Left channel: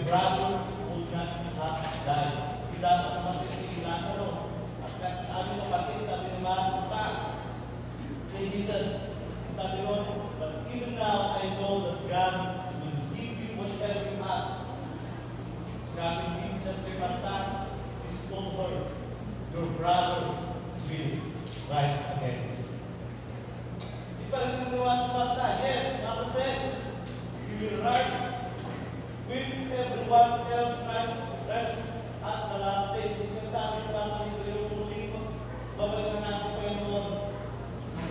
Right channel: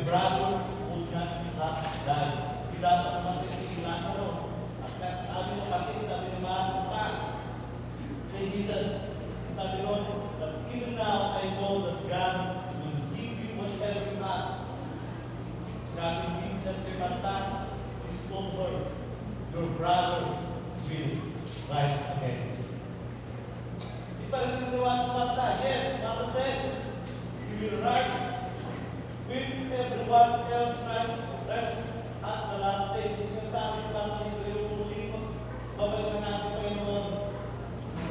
your brother would not have died. Kita naman si Lazaro. At ano kapatid, sabi nila, kay Jesus, sabi ko, but even now I know that God will give you whatever you ask. Sabi Jesus sa kanta, is told her, your brother will rise again. Ipagkagawa sa bata, yes, Bible said, he will rise with everyone else rise at the last days. Sinasabi ko natin yung muling bawal na natin kayo noon.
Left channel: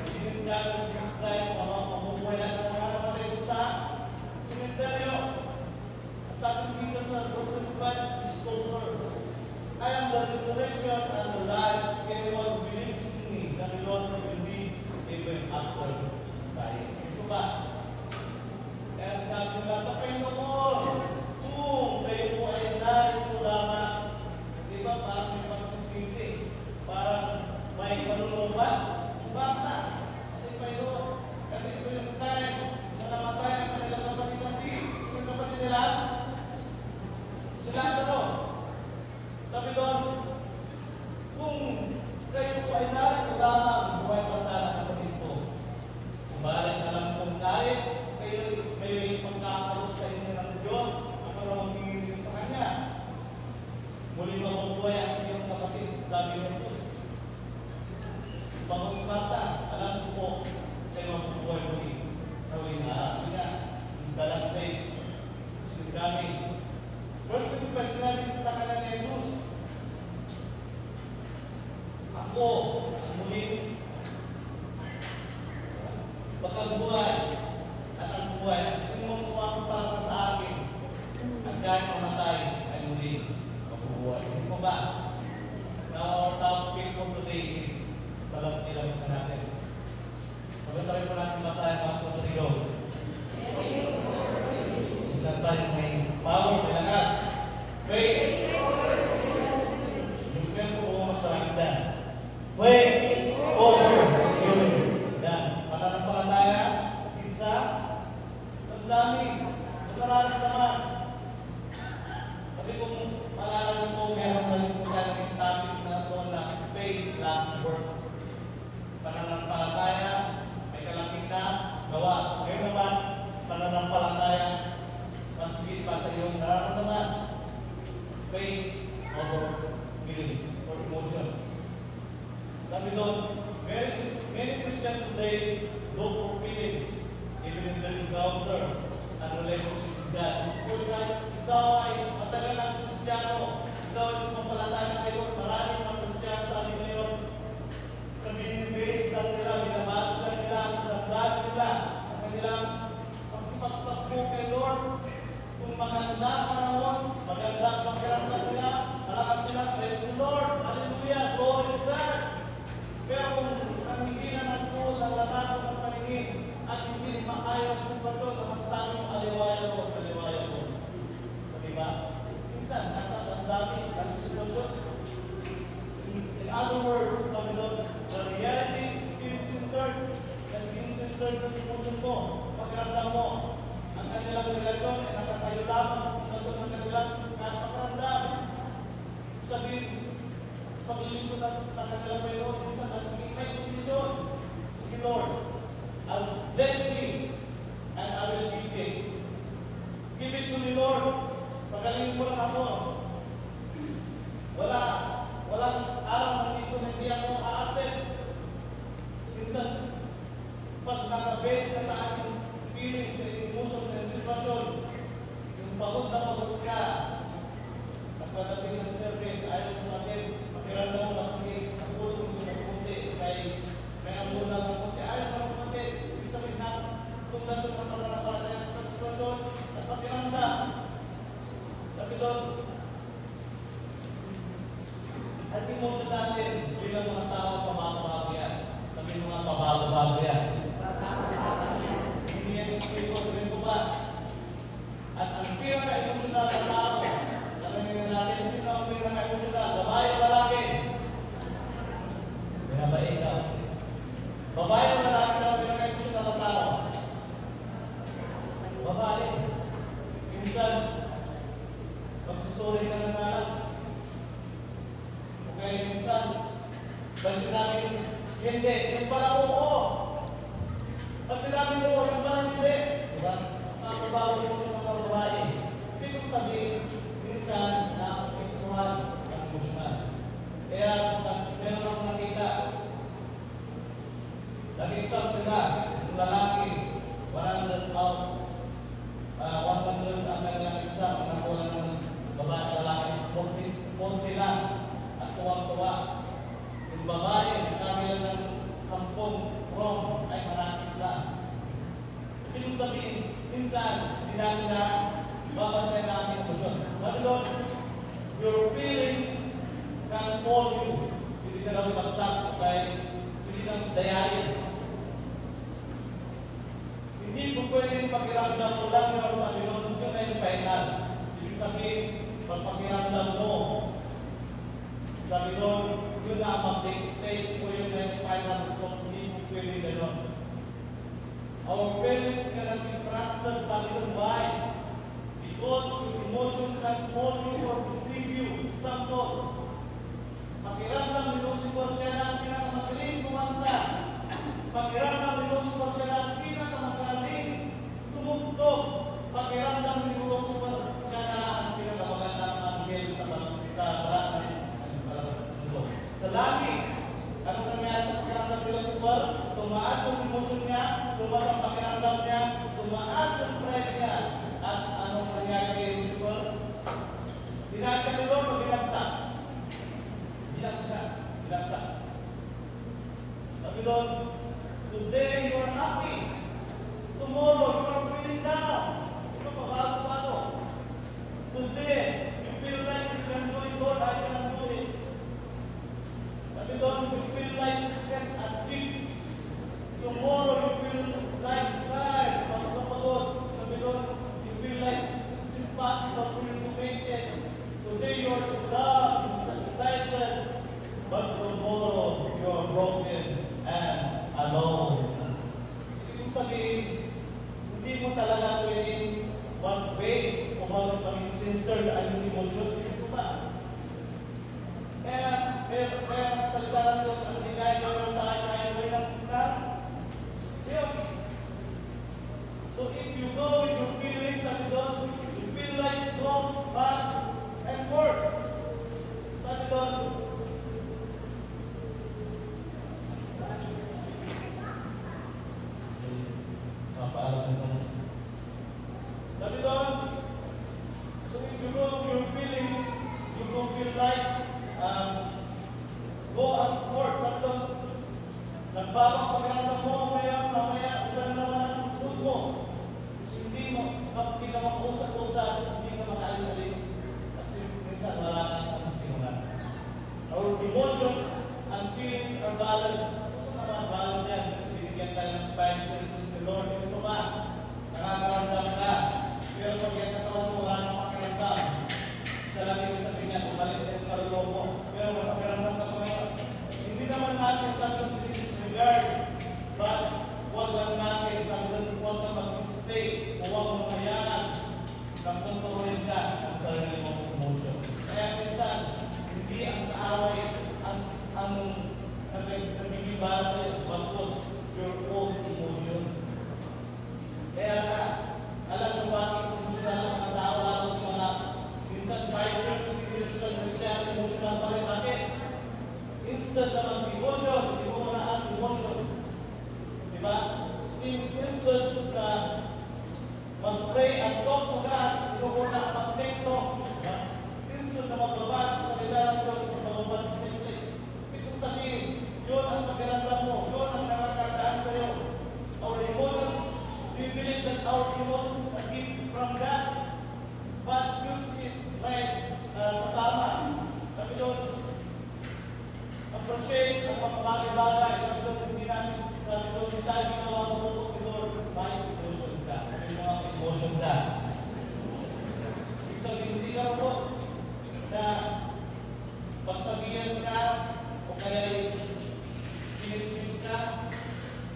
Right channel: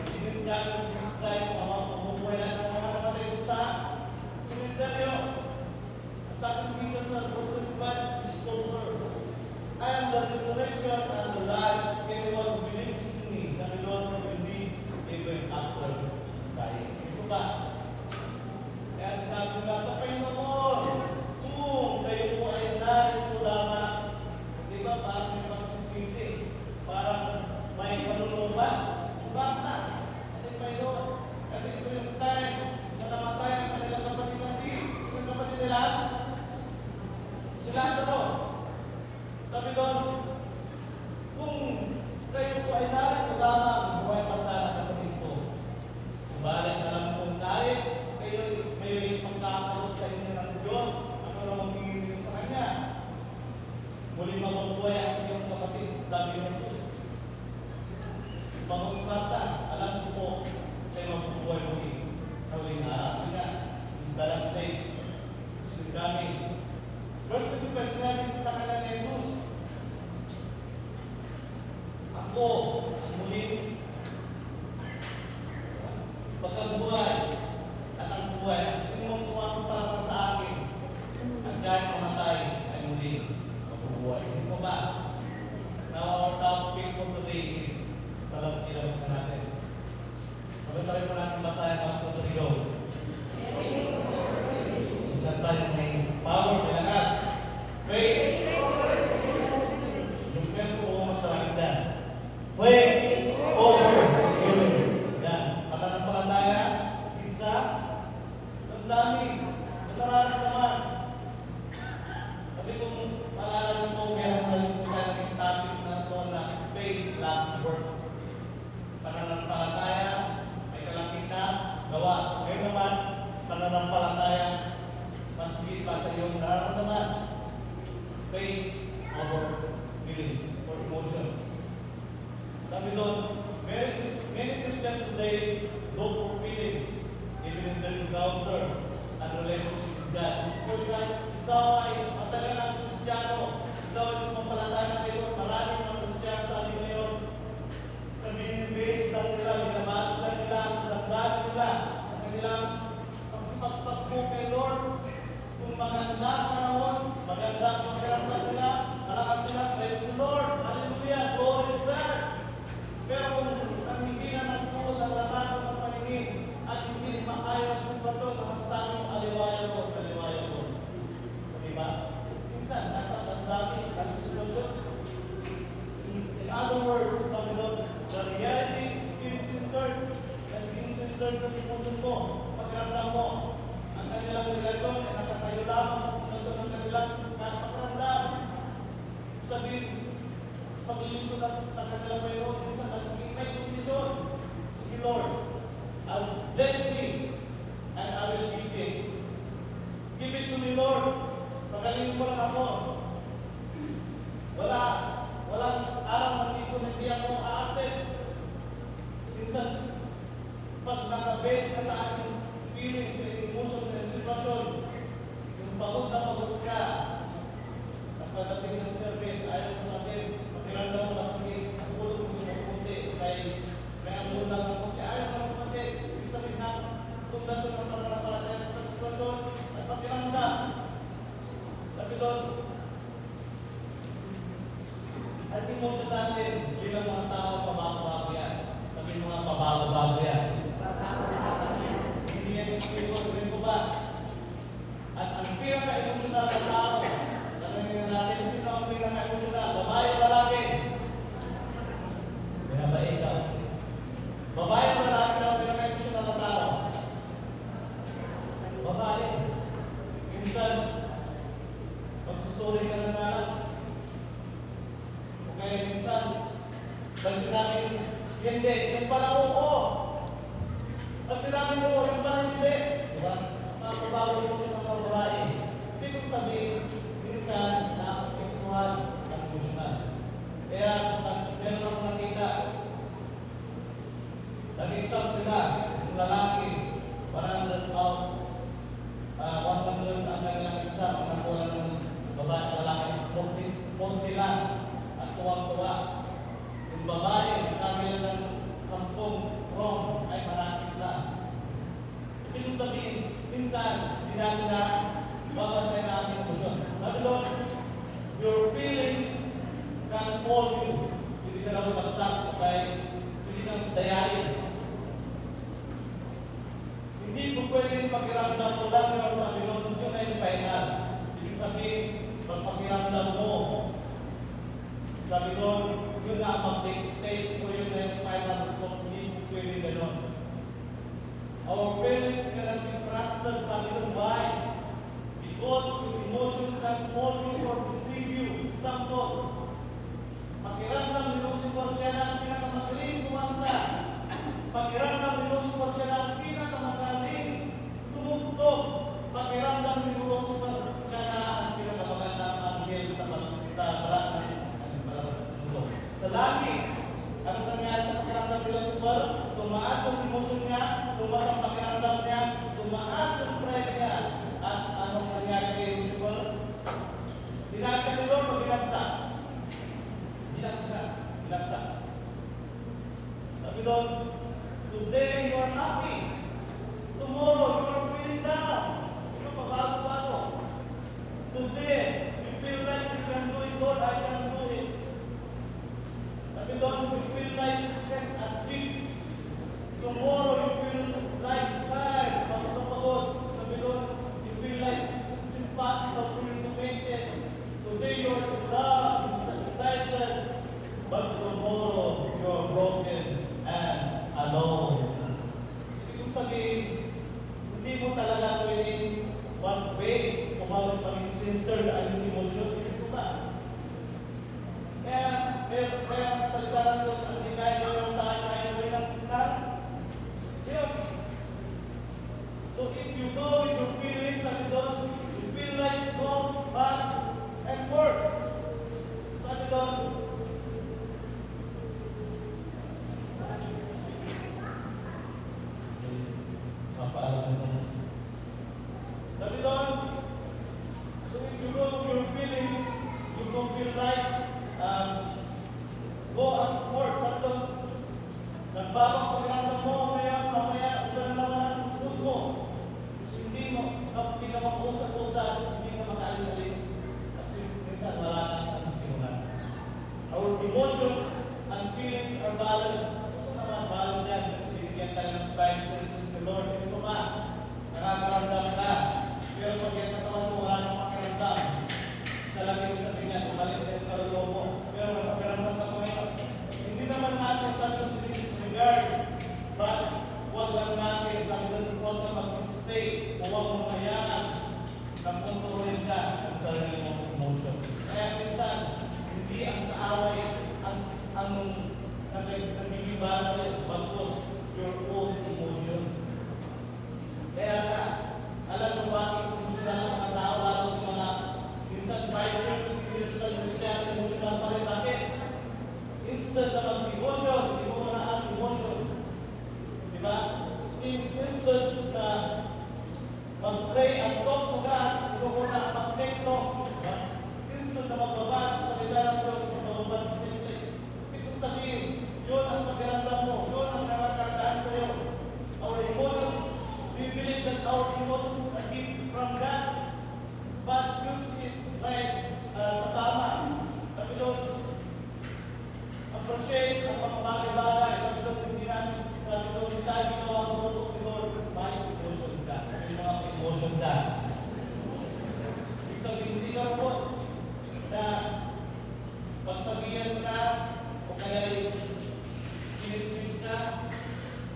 Sinigyan ng Jesus Christ, mga pumubuhay na ng mga kapatid sa cemetery. At sabi ng Jesus sa verse of God, is told her, I am the resurrection and the life. Anyone who believes in me, sabi Lord, will live even after tayo. Ito ba? Kaya sinabi nga, Panginoon, kung kayo po ay narito lamang, diba parang may pagsisisi, parang may panunumban, sabata, hindi Panginoon. Kasi ito yung time, na namatay ang kanilang kapatid na yung kapatid nila, sila sa sabi doon, kung kayo po ay narito lamang, buhay pa sana kapatid ko. Subalit na lang kung narito, kayo'y pagkakalot sa inyo ng Diyos, ako na magiging sa Kanya. Muli mabubuhay ang inyong kapatid, sabi ng Jesus. Pamagsmatan, alam ko po, sa'yo mabubuhay muli sa uling araw. Ina, the last days, sinugami. Verse 25, sinabi sa kanila ni Jesus, ako, ang muling pagkabuhay at ang buhay, at sinong sumasampalatang sa akin, at kahit mamatay, ay muli mabubuhay. Hindi mo ba? Now, our topic for today is talang tilos natin. Mabasahin pa natin basahin ang tutoriyo. Isang tayo may power, may lakas. Faith. Sumpiyan po mo sa akin. Faith over universe. Yan. Pananampalataya. Isa. Ang dami. Marami naman. Sabi kong paalala ko, meron na rin po tayong topic na ito na faith last word. Pananampalataya. May kalapit na gawa. Ngayon naman, pananampalataya. Maski pa sa iyong nararamdaman. Faith over feelings or emotion. Sabi doon, many Christians today look for feelings, even in their encounter and relationship with God. Ikaw ay matagal ng Kristiyano, ikaw ay sumampalataya na kayo, maraming mga Kristiyano sabi ngayon, nag-base na nila, binabasa na nila, nagdagdag nila sa kanilang pagpapagpo kay Lord. Kung maganda ang panahon, maganda ang pagkaramdam nila, malakas sila, praise the Lord, hallelujah, glory to God. Pero kung ang hindi naman po nalalaman ng paningin at hindi maayon ang sitwasyon na masasabi mo, aliwayaw ko. Diba? Minsan, nasa ang dami, nasa sitwasyon. In other words, sabi mo, the reality is spirit-centered, naging-centered ng emotion mo, pagkaramdam mo. Ang kanilang relasyon ay nakatayo lamang sa sitwasyon ng kanilang nakakaramdam. Sabihin, paglilingkod sa kanilang Panginoon, kung saan may kondisyon. Sige Lord, I'll bless me and I will give this. Give it to me Lord. Pagaling mo lang ako. Walang araw na hindi ako a-accept. Minsan, pag nakabase ka sa ating feelings, sa emotions, sa sitwasyon, yung pagod ka, sa pagdating ng service, ayaw mo natin, pakiramdam mo na sige, siguro kung gusto kunti, may amula ng kunti, ayaw mo ng kunti, ibig sabihin na, kung nasa ng pananampalataya sa sitwasyon, at pakiramdam. Sabi doon, at emotion natin, bilang mga tao, pabago-bago yan. Sabi mo nga, pabago-bago yan. Hindi yung spiritual rin ba? At ang pinaka-emotional ng tao, tanongin natin, sino ang pinaka-emotional? Babae o lalaki? Kaya ba ikaw? Babae o lalaki ang pinaka-emotional ng tao? Babae. Minsan, hindi. Yung pala po, oo. Pag sinabi mo po, yung pala hindi. Diba? Ang babawi po sa mga babae. Hindi ko sabihin, minsan na ituhan ang emosyonal. Kaya kung meron akong nakita, nag-exam sila, yung lalaki, 100 pound, 100 ang kailang exam, nakuha ng babae lalaki, 40 lang, at tuwang-tuwa. Yung babae, nakakaya ng 10 wrong, ay manakis lang. Ibig sabihin, minsan, hindi natin na babantay na ating emosyon. Sabi doon, your feelings can fall you. Hindi ka lang bagsak, dahil hindi ka dayain. Hindi po pwedeng pakiramdam mo lang yun, sabi doon, yun ay final. Ibig sabihin, pakiramdam mo. Sabi doon, yun ang mag-take ko yun ang final result. Hindi po pwedeng gano'n. Our feelings cannot be trusted, sabi doon, why? Because your emotion can hold you or deceive you. Sampo, pakiramdam ni Lucifer siya na ang pinakamagaling kumanta. Pakiramdam ni Lucifer siya na ang pinakamagaling tumugtog. Pakiramdam ni Lucifer siya na ang pinakamagandang anghel sa barat ng mundo. Sa langit, ano nangyari sa pakiramdam ni Lucifer? Tumaas ang emosyon niya, tumaas ang pakiramdam niya, tumaas ang pride niya. At anong nangyari kay Lucifer? Dinasya ni Lord o binagsak? Binagsak. Sabi doon, today you are happy. Tomorrow you are feeling down. Ito pabago-bago. Today, you feel like you can do it, Lord, I can do it. Sabi doon, you feel like you can achieve. Tomorrow you feel like tired, pagod. Sabi doon, you feel like it's impossible for you to make it. Today you are down, excited, but tomorrow you are broken and alone. Ibig sabihin, hindi mo talaga pwedeng mag-base o maging center na yung emosyon. Ito ba? Kaya sa salita ng Diyos, ang ginagawa ng tayo ay walang ka. Yes. So if you go with your feelings, sabi doon, you feel like go back and forth. Sabi doon, sabi doon, so if you go with your feelings, you don't feel like go and forth. Sabi doon, nagbago ang pakiramdam mo ngayon, mamaya iba na naman ang mood mo. Hindi ka mag-usap-usap, hindi mo makaalis-alis. At minsan wala nang nasisimulan. Our emotions and feelings are valid. Ito naman valid yan kasi binigyan ka ng divine senses ng Lord. Ito ba? Nakakaramdam ka. Pero pag yung katawan mo, wala kang pakiramdam. Sa langit sa kanya, tumalis ka yung kaluluwa mo. Pero pakiramdam ka ngayon. Hindi naman natin sabi ng disregard. But huwag lang natin sabi ng huwag kang mag-mistake o huwag kang mayanan. Nagpuntuhin ka sa sarili mong emotion. Kaya minsan, hindi ang kaaway ang nagiging base bagkus your own emotion. Kaya nga, alam mo ba ang emotional ng mga tao lalo sa mga minsan 5 years of Christian emotional pa rin natin. Instead na mag-emotion, hindi mo na ang emotion. Diba? Instead na mag-pray at talk to God, hindi mo na mag-pray talk. Instead na magbabad sa salita ng Diyos, magbabad sa Pilipinas. Ito sabihin, yun ang pakiramdam mo, yun ang nakakagdaan sa'yo. Our emotions, we believe that our emotions are gift from God. But use it like sa tama. Sabi doon, appreciate sa mga bagay-bagay. Sabi doon, hindi namin, sabi doon, hindi tayo ginawa mabuto ni Lord. Bakit emotion ka? Yung mga emotion ka. Ibig sabihin, hindi lang po na pagsabihan ka o kaya kinismis ka,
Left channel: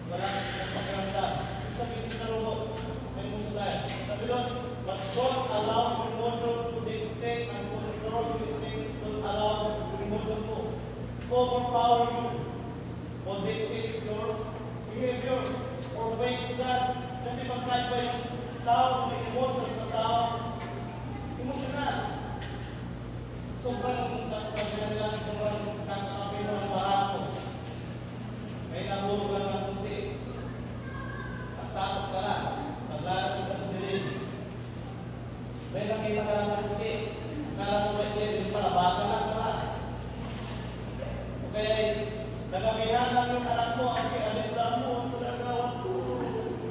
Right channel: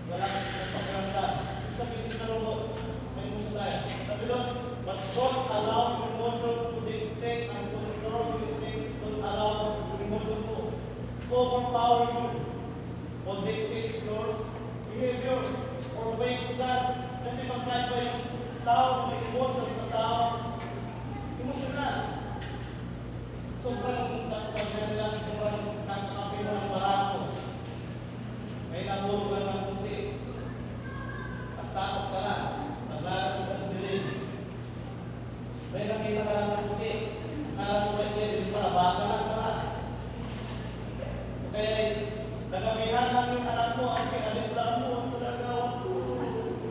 wala kang nagpagramdam. Ibig sabihin, hindi lang po, may emotion tayo. Sabi doon, but don't allow emotion to dictate and control your things. Don't allow emotion to overpower you or dictate Akala mo ba hindi sa baka lang lahat? Kaya nagamihan lang yung anak mo, ang pinagplaan mo, ang pinagplaan mo,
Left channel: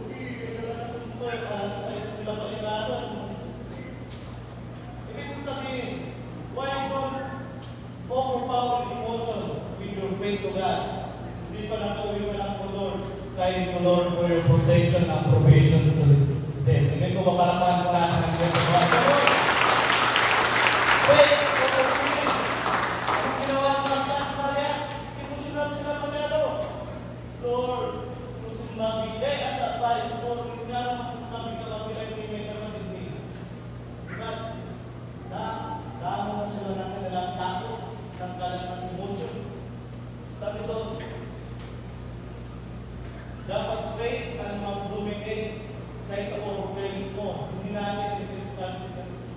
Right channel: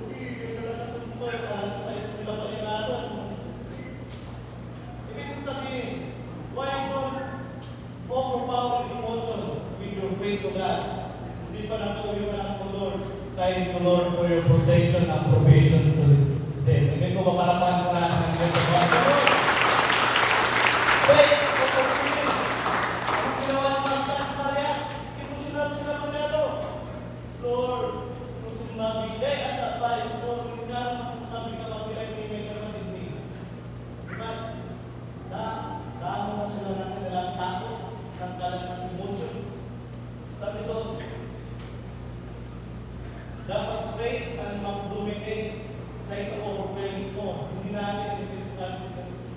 hindi ka nakasumboy, nasa sa eskwela pa rin gano'n. Ibig ko sabihin, why don't overpower emotion with your faith to God? Hindi pa lang po yung anak ko, Lord, kahit ko, Lord, for your protection and provision to them. Ibig ko makalapaan ko natin yung Diyos sa God. Faith, Lord, kung sinabi ka, as advice, Lord, kung sinabi ka bang pinag-ibig ka ng hindi. Damo na sila ng kanilang takot, ng kanilang emotion. Sabi doon, dapat faith ang mag-dominate kaysa overwhelms mo. Hindi natin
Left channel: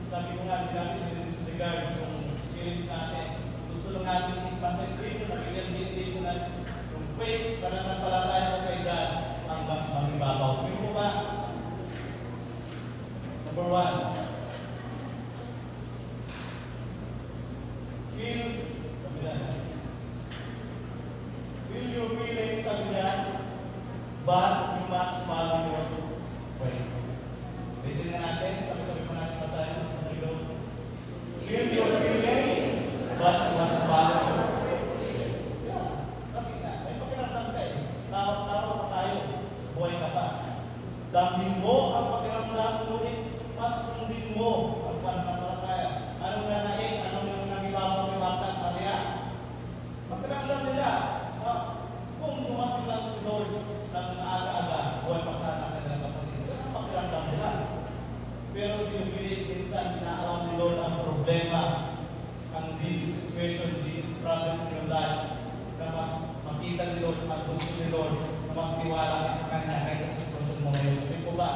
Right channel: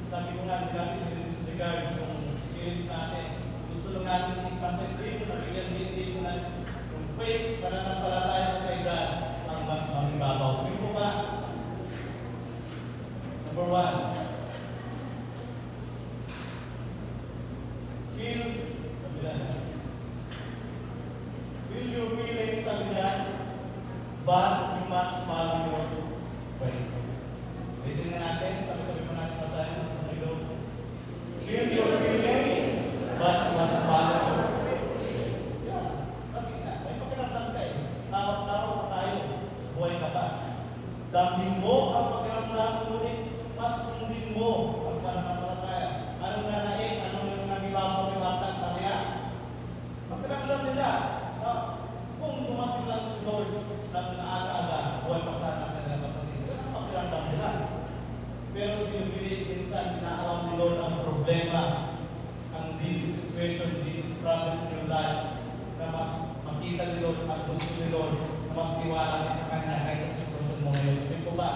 sabi ko nga, hindi natin i-disregard yung feelings natin. Gusto na natin ipasisip na dito na yung faith para napalataya ko kay God ang mas magibabaw. Hindi mo ba? Number 1. Feel your feelings of God, but you must malang your faith. Tignan na natin, sabi ko natin masahin ito na yun. Feel your feelings, but you must malang your faith. Bakit nga? May pakiramdam kayo. Takot tayo. Buhay ka pa. Damhin mo ang pakiramdam, ngunit mas sundin mo ang pananampalataya. Anong nanahin? Anong nagibabaw-ibatan Maria? Pakiramdam nila. Kung dumating lang si Lord ng naaga-aga, buhay pa sana kanilang kapatid. Yan ang pakiramdam nila. Pero hindi minsan inaalam ni Lord ang problema, ang deep situation, deep struggle in your life, na mas makita ni Lord at gusto ni Lord na magtiwala sa Kanya kaysa sa gusto mo ngayon. Hindi ko ba?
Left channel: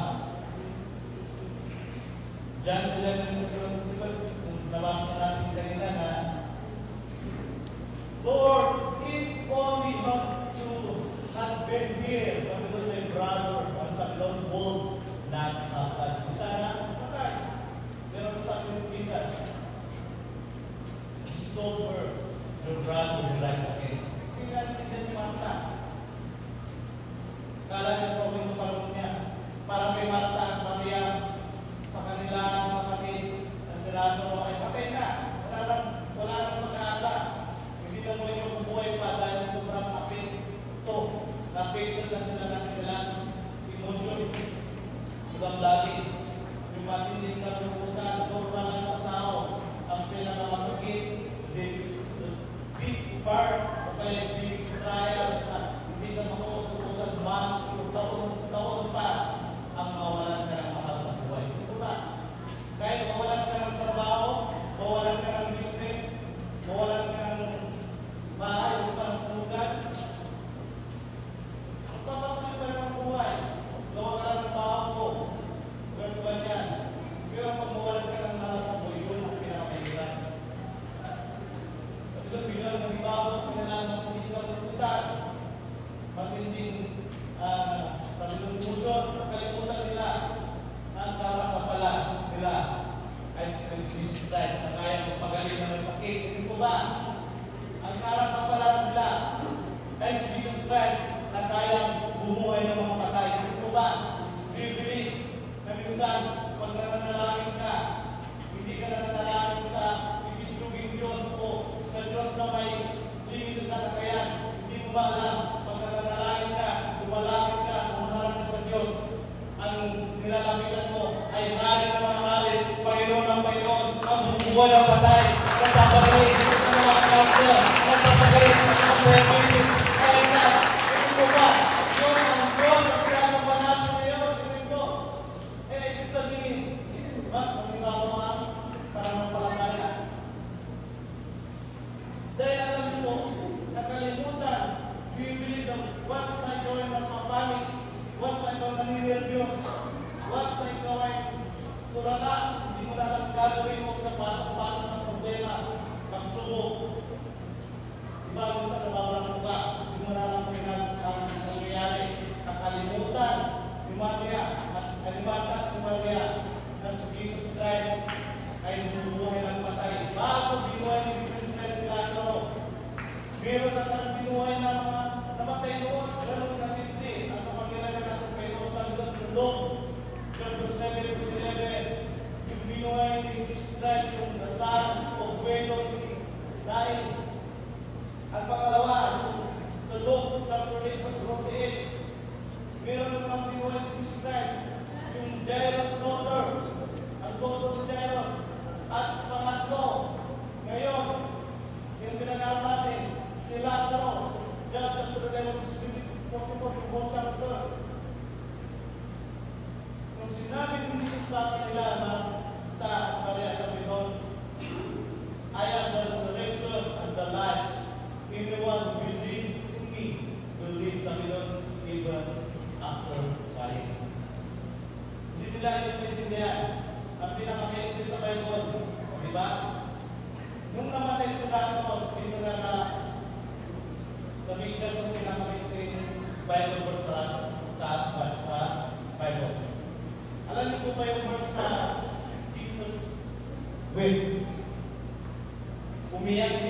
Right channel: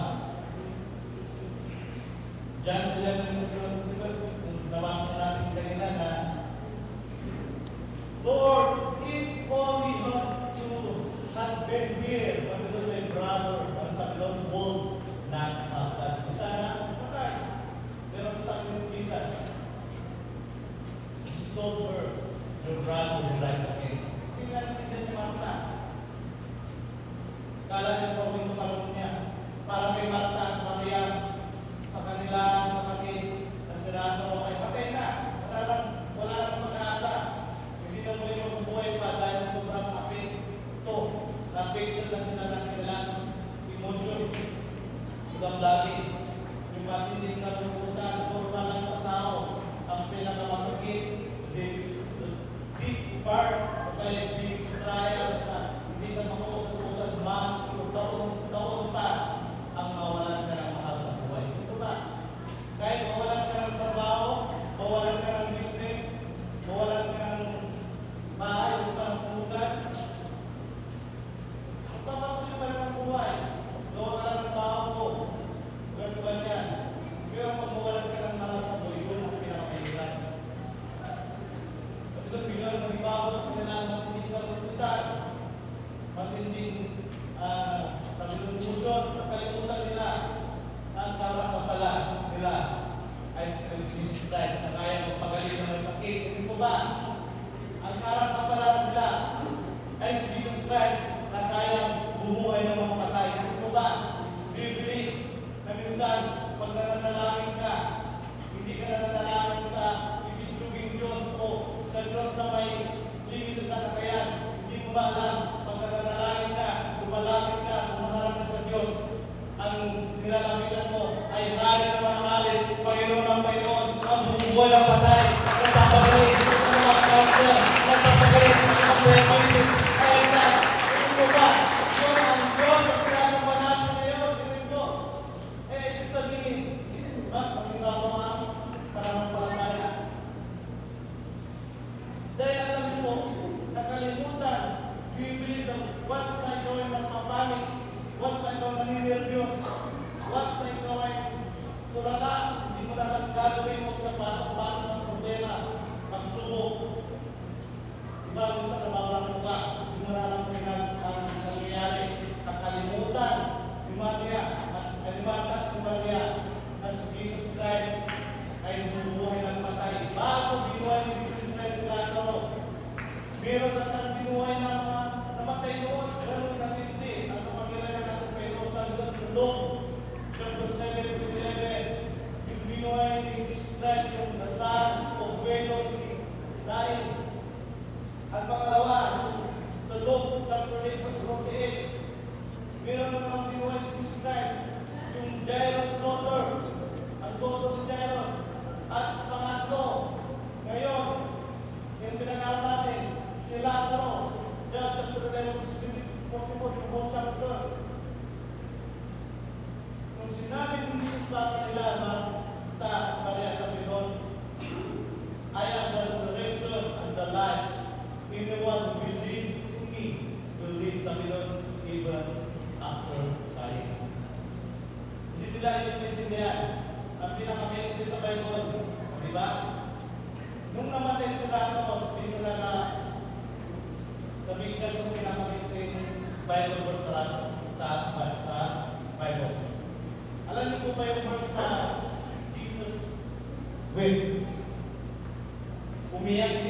Diyan ko lang labas na natin kanila na Lord, if only not to have been here, sabi doon may brother, ang sabi doon, bold, na isa na, patay. Pero sabi doon, Jesus, stop her, your brother will rise again. Hindi natin makita. Kala niya sa uwing palong niya, parang kay Marta, Maria, sa kanilang kapatid, na sinasama kayo, patay na, wala nang pag-asa. Hindi na mo yung buhay pa dahil sa sobrang kapit. Ito, kapit na sila na kanilang emotion. Hanggang dati, yung matinding na pulutan, normal lang sa tao, ang pinakamasakit, the big part of my big trials na hindi na makusag-usag months o taon pa ang mawalan ka ng mahal sa buhay. Ito ba? Kahit mawalan ka ng trabaho, mawalan ka ng business, mawalan ka ng bahay upang sa lugar. Pagpapatuloy pa rin ang buhay. Gawa ka lang ng baho ko. Ganito ba yan? Pero kung mawalan ka ng mahal sa buhay, yun ang pinakahirap. At ito, biglang magbabaw sa kanilang matinding lugar. Matinding kalungkusan, nakalimutan nila ang kapapala nila ay si Jesus Christ na kaya magpagaling ng sakit. Hindi ko ba? Ang kapapala nila ay si Jesus Christ na kaya bumuhay ng mga patay. Hindi ko ba? Bibili na minsan pag nananalangin ka, hindi ka nananalangin sa ibigin Diyos o sa Diyos na may limited na kakayan. Hindi mo ba alam pag nananalangin ka, lumalapit ka, umaharap ka sa Diyos, ang nilalapitan mo ay narin na mga narin, Panginoon ang Panginoon, ang bumubuhay ang patay, ang papagaling, ang mga kapatid, ang papagaling, ang mga kapatid, kaya na, hindi mo ba, yun ang Diyos at siya ang banal ngayon, Kristo. Ibig sabihin, mas magagawa ang palangaya. Dahil alam mo, nakalimutan, bibili ng once na ikaw ay magpapanik, once na ikaw nanininervyos, once na ikaw ay tulala, hindi mo na gagawin mo sa paano ng problema, pagsubok. Diba, minsan namalang mo ka, hindi mo na ang pinag-awin Umiyak si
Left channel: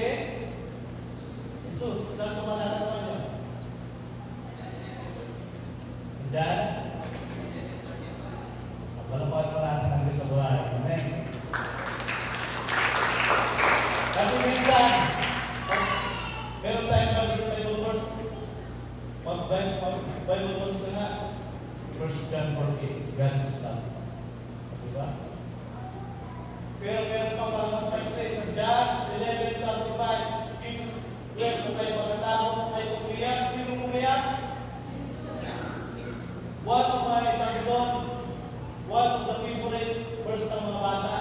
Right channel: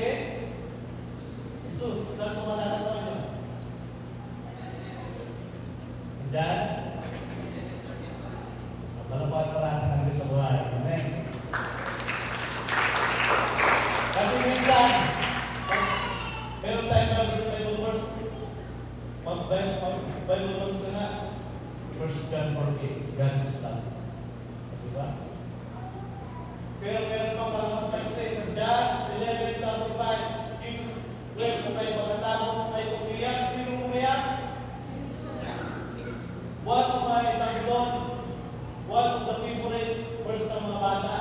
Jesus. Saan ko malalaman yun? Diyan? Palapag para ng sa buhay. Amen? Kasi minsan, meron tayong Bible verse. Bible verse na 1 John 4:8, God is love. Diba? Pero meron pa pala sa John 11:25, Jesus, wait ko tayo pagkatapos sa tayo umiyak. Sino umiyak? One of my sabi one of the favorite verse ng mga bata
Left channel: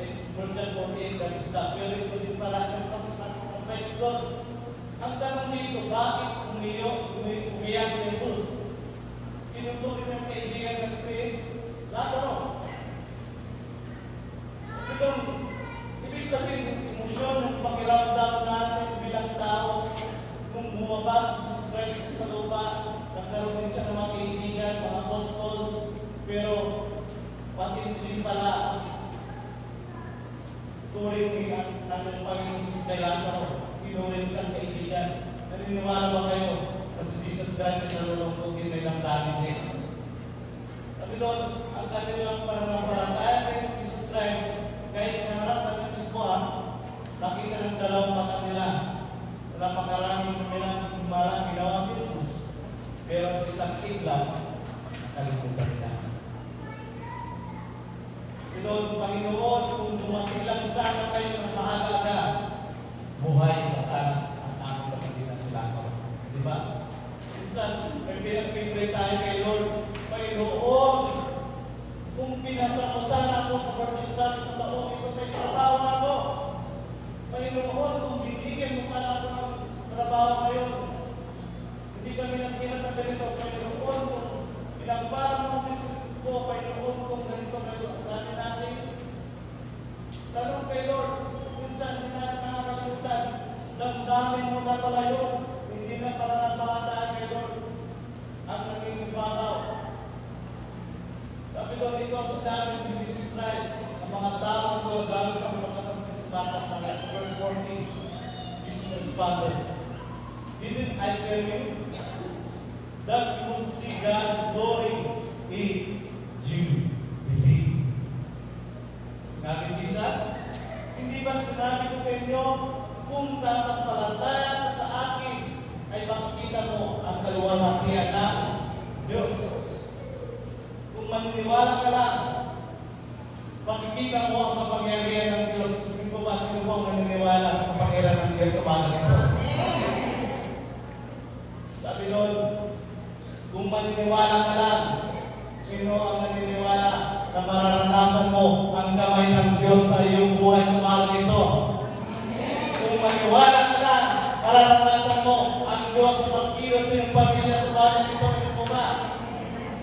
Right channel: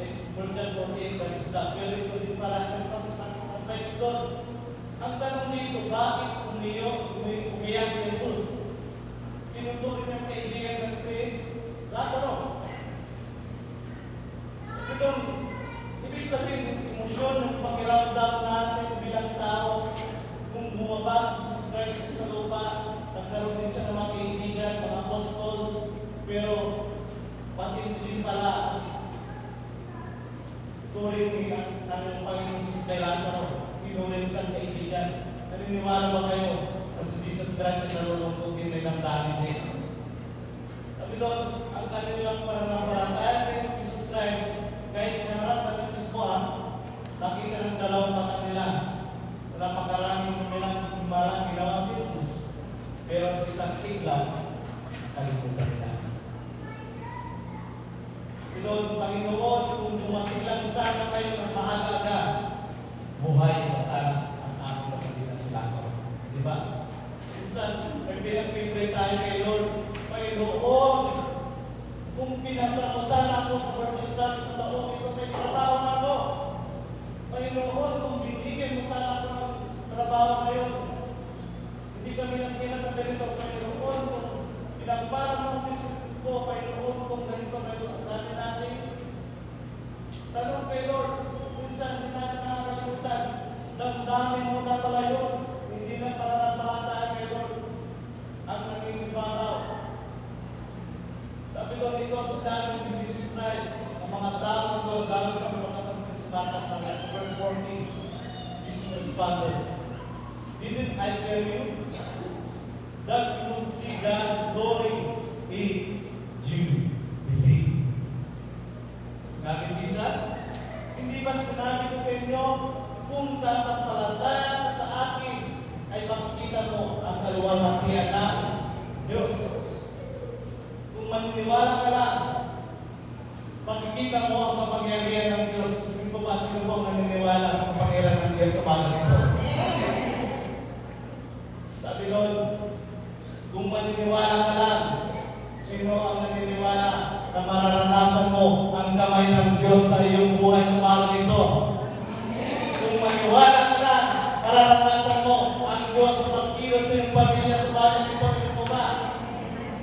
is 1 John 4:8, God is love. Pero ito din pala, mas next doon. Ang tanong dito, bakit umiyak si Jesus? Tinutuloy niyang kaibigan na si Lazaro. Ito, ibig sabihin, emosyon ng pakiramdam natin bilang tao nung bumabas sa Christ sa lupa, nagkaroon din siya ng mga kaibigan, mga apostol, pero pati din pala turing din ang Panginoon Jesus kay Lazaro. Tinuring siyang kaibigan. Naniniwala mo kayo na si Jesus Christ ay nalulungkot din may damdamin din. Sabi doon, ang kanilang pananampalataya kay Jesus Christ, kahit marami ng iswa, nakita ng dalawa na kanila. Napakaraming nilang ginawa si Jesus. Pero si sakit lang, nakalimutan nila. Ito, Panginoon, kung tumakilan sana kayo ng mahalaga, buhay pasaras ang aming pagkakasilasa. Diba? Minsan, may pinag-pray tayo kay Lord, Panginoon, kung pinasakusan ako sa pagkakusan sa taong ito, may trabaho na ako. Panginoon, kung bibigyan mo sana ako ng trabaho ngayon, hindi kami nagkilap ng ganito. Panginoon, kung pinagpara mo ng business ko, Panginoon, kung ganito ngayon, ang dami natin. Tanong kay Lord, kung saan hindi natin nakakalimutan, damdamin mo na pala yun, hindi na pananampalataya kay Lord, ang magiging bataw. Sabi doon ito ang sinabi ni Jesus Christ, ang mga tao doon galing sa mga kapisbatan, pala sa verse 14, Jesus responded, didn't I tell you that you would see God's glory if you believe? Sabi ni Jesus, hindi ba sinabi ko sa inyo, kung sasampalataya ko sa akin, ay makikita mo ang kaluwalhatian ng Diyos. Kung maniniwala ka lang, makikita mo ang kapangyarihan ng Diyos. Hindi ko ba sino pang naniniwala sa kapangyarihan ng Diyos sa mga ito? Sabi doon, kung maniniwala ka lang, sino ang naniniwala na mararanasan mo ang kamay ng Diyos sa iyong buhay sa mga ito? Kung maniwala ka lang, mararanasan mo ang Diyos magkila sa iyong pamilya sa mga ito, ito ba?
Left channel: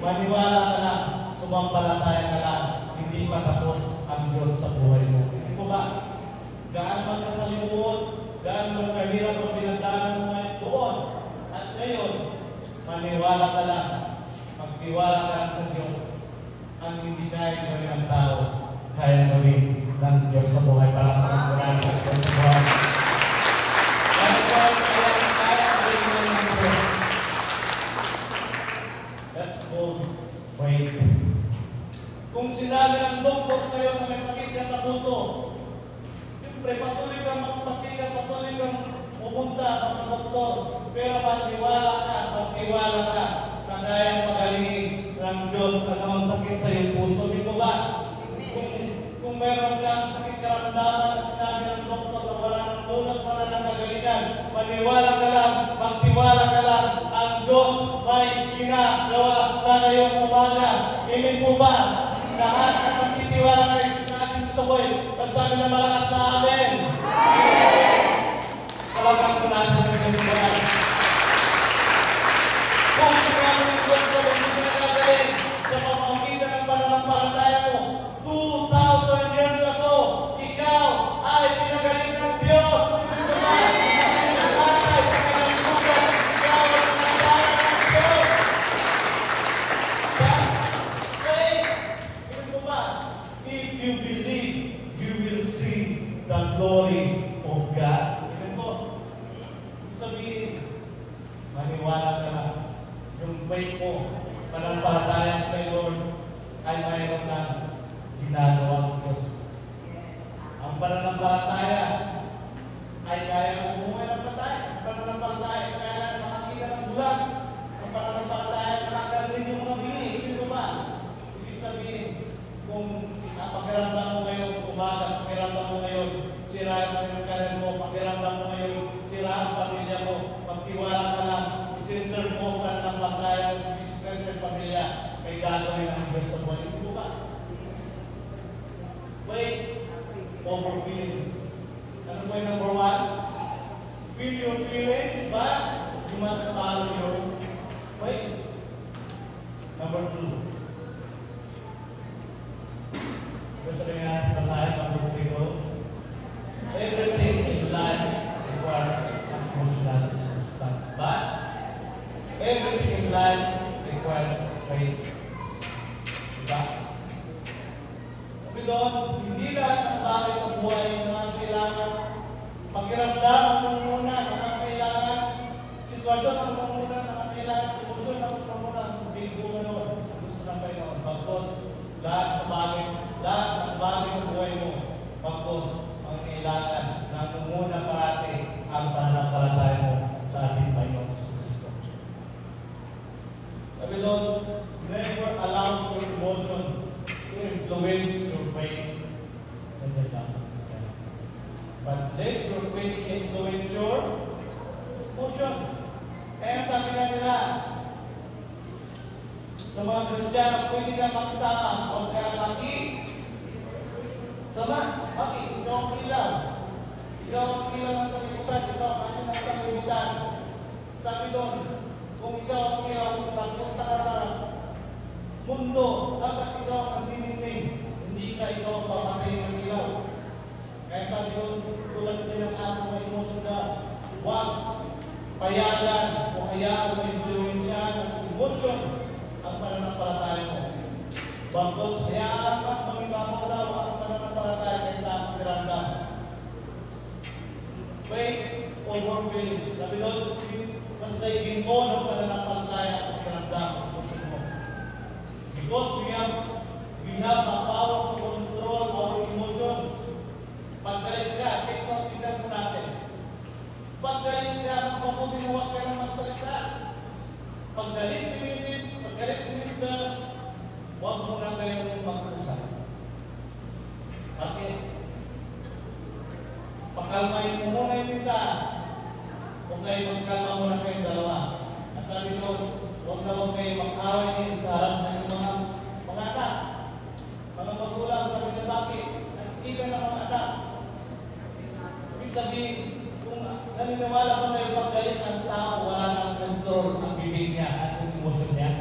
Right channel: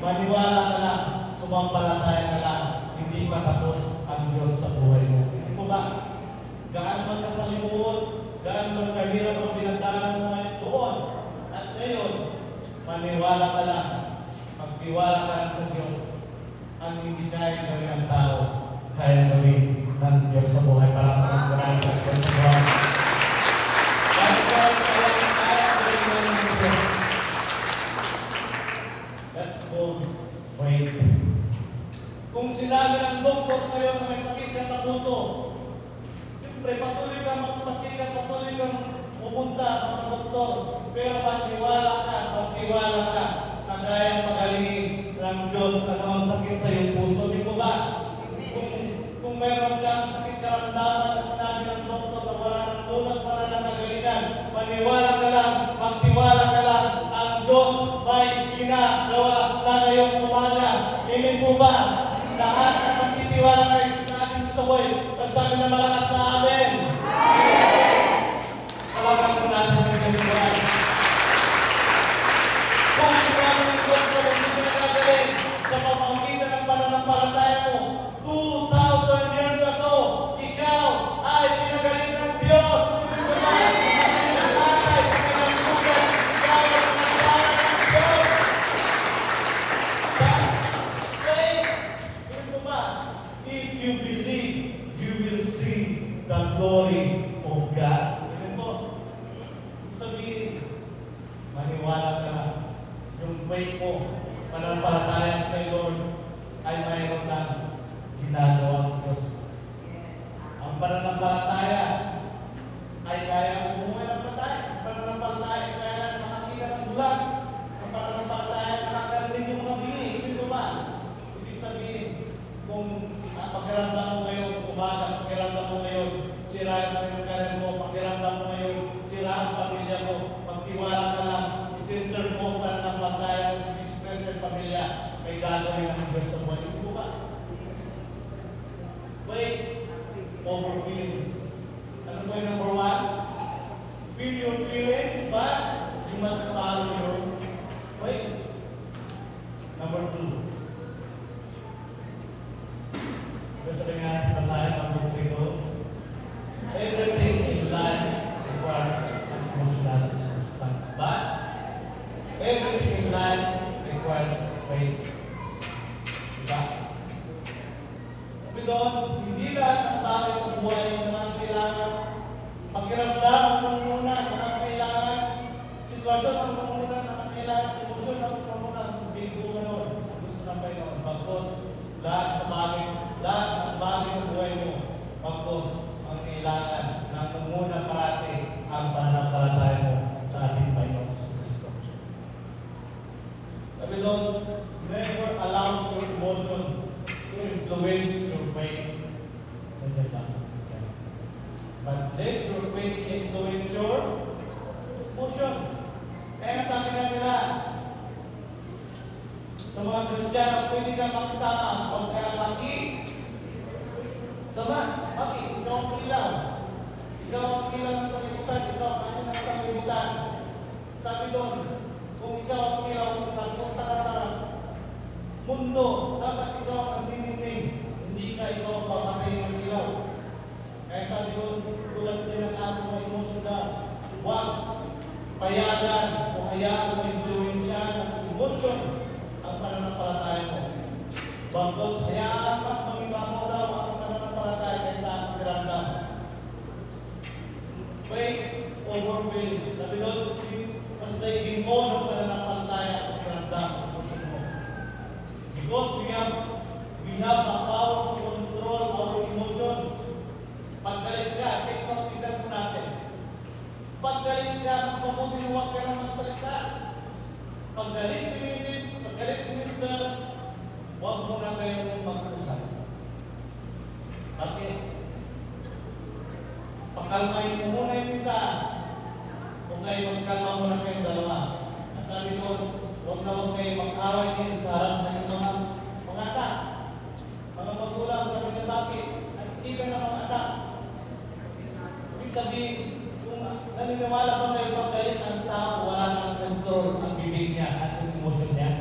Maniwala ka lang, sumampalataya ka lang, hindi pa tapos ang Diyos sa buhay mo. Hindi ko ba? Gaano man kasalimuot, gaano man kahirap ang pinagdaanan mo ngayon doon. At ngayon, maniwala ka lang, magtiwala ka lang sa Diyos. Ang hindi kaya gawin ng tao, kaya gawin ng Diyos sa buhay para pagkakulang ng Diyos. Let's go. Wait. Kung sinabi ng doktor sa iyo na may sakit ka sa puso, siyempre patuloy ka magpatsika, patuloy kang pumunta ng doktor, pero magtiwala ka na kaya magalingin ng Diyos ang sakit sa iyong puso. Di ko ba? Kung meron kang sakit karamdaman na sinabi ng doktor na wala ng lunas, wala ng kagalingan, maniwala ka lang, magtiwala ka lang, ang Diyos may ginagawa para iyong umaga. Amen po ba? Lahat na nagtitiwala kayo sa ating saboy, magsabi ng malakas na amen. Wala kang kumain ng Diyos. Kung sinabi ng doktor, kung hindi ka nagaling sa pamamagitan ng pananampalataya mo, 2,000 years ago, ikaw ay pinagaling ng Diyos. If you believe, you will see the glory of God. Ito, sabihin, maniwala ka lang. Yung faith mo, panampalataya kay Lord, ay mayroon ng ginagawang Diyos. Ang pananampalataya ay kaya bumuhay ng patay. Ang pananampalataya ay kaya makakita ng bulan. Ang pananampalataya ay makakarinig yung mabili. Ito ba? Ibig sabihin, kung pakiramdam mo ngayon, umaga, pakiramdam mo ngayon, sira yung karir mo, pakiramdam mo ngayon, sira ang pamilya mo, pagtiwala ka lang, center mo pananampalataya mo sa Jesus sa pamilya, ay gagawin ang Diyos sa mga ibuka. Faith over feelings. Ano po yung number one? Feel your feelings, but you must follow your faith. Number two. Gusto ko nga basahin ang buong ito. Everything in life requires emotional stuff. But everything in life requires faith. Diba? Sabi doon, hindi lahat ng bagay sa buhay na kailangan pakiramdam ng muna na kailangan, sitwasyon ng muna na kailangan, puso ng muna, hindi po naman. Gusto na kayo magpagpos. Lahat sa bagay, lahat ng bagay sa buhay mo, pagpos ang kailangan na muna parati ang pananampalataya mo sa ating Panginoon Kristo. Sabi doon, never allows your emotion to influence your faith. But let your faith influence your emotion. Kaya sabi nga nila, sa mga Kristiyano, pwede ka makasama, huwag ka sama. Bakit? Ikaw ang ilaw. Ikaw ang ilaw ng sanlibutan. Ikaw ang isa ng sanlibutan. Sabi doon, kung ikaw ang ilaw, kung nagpunta ka sa mundo, dapat ikaw ang nagdidinding. Hindi ka ikaw pamatay ng ilaw. Kaya sabi doon, tulad din ang mga emosyon na huwag payagan o hayaan o influensya ng emosyon ang pananampalataya mo. Bagos, hayaan mas mamingaw daw ang pananampalataya kaysa ang piramdam. Faith over feelings. Sabi doon, mas naging mo ng pananampalataya ang piramdam ang emosyon mo. Because we have the power to control our emotions. Paggalit ka, take note, tignan mo natin. Paggalit ka, mas mabuti na huwag ka lang magsalita. Paggalit si Mrs., paggalit si Mr., huwag mo na kayong mag-usap. Amin. Pakalmayin mo muna yung isa. Kung kayo magkalma muna kayong dalawa. At sabi ko, huwag na huwag kayong mag-away din sa harap ng mga anak. Mga magulang, sabi na bakit? Nakikita ng mga anak. Ibig sabihin, kung naniniwala pa kayo paggalit ang tao, wala nang control ang bibig niya at yung emotion niya.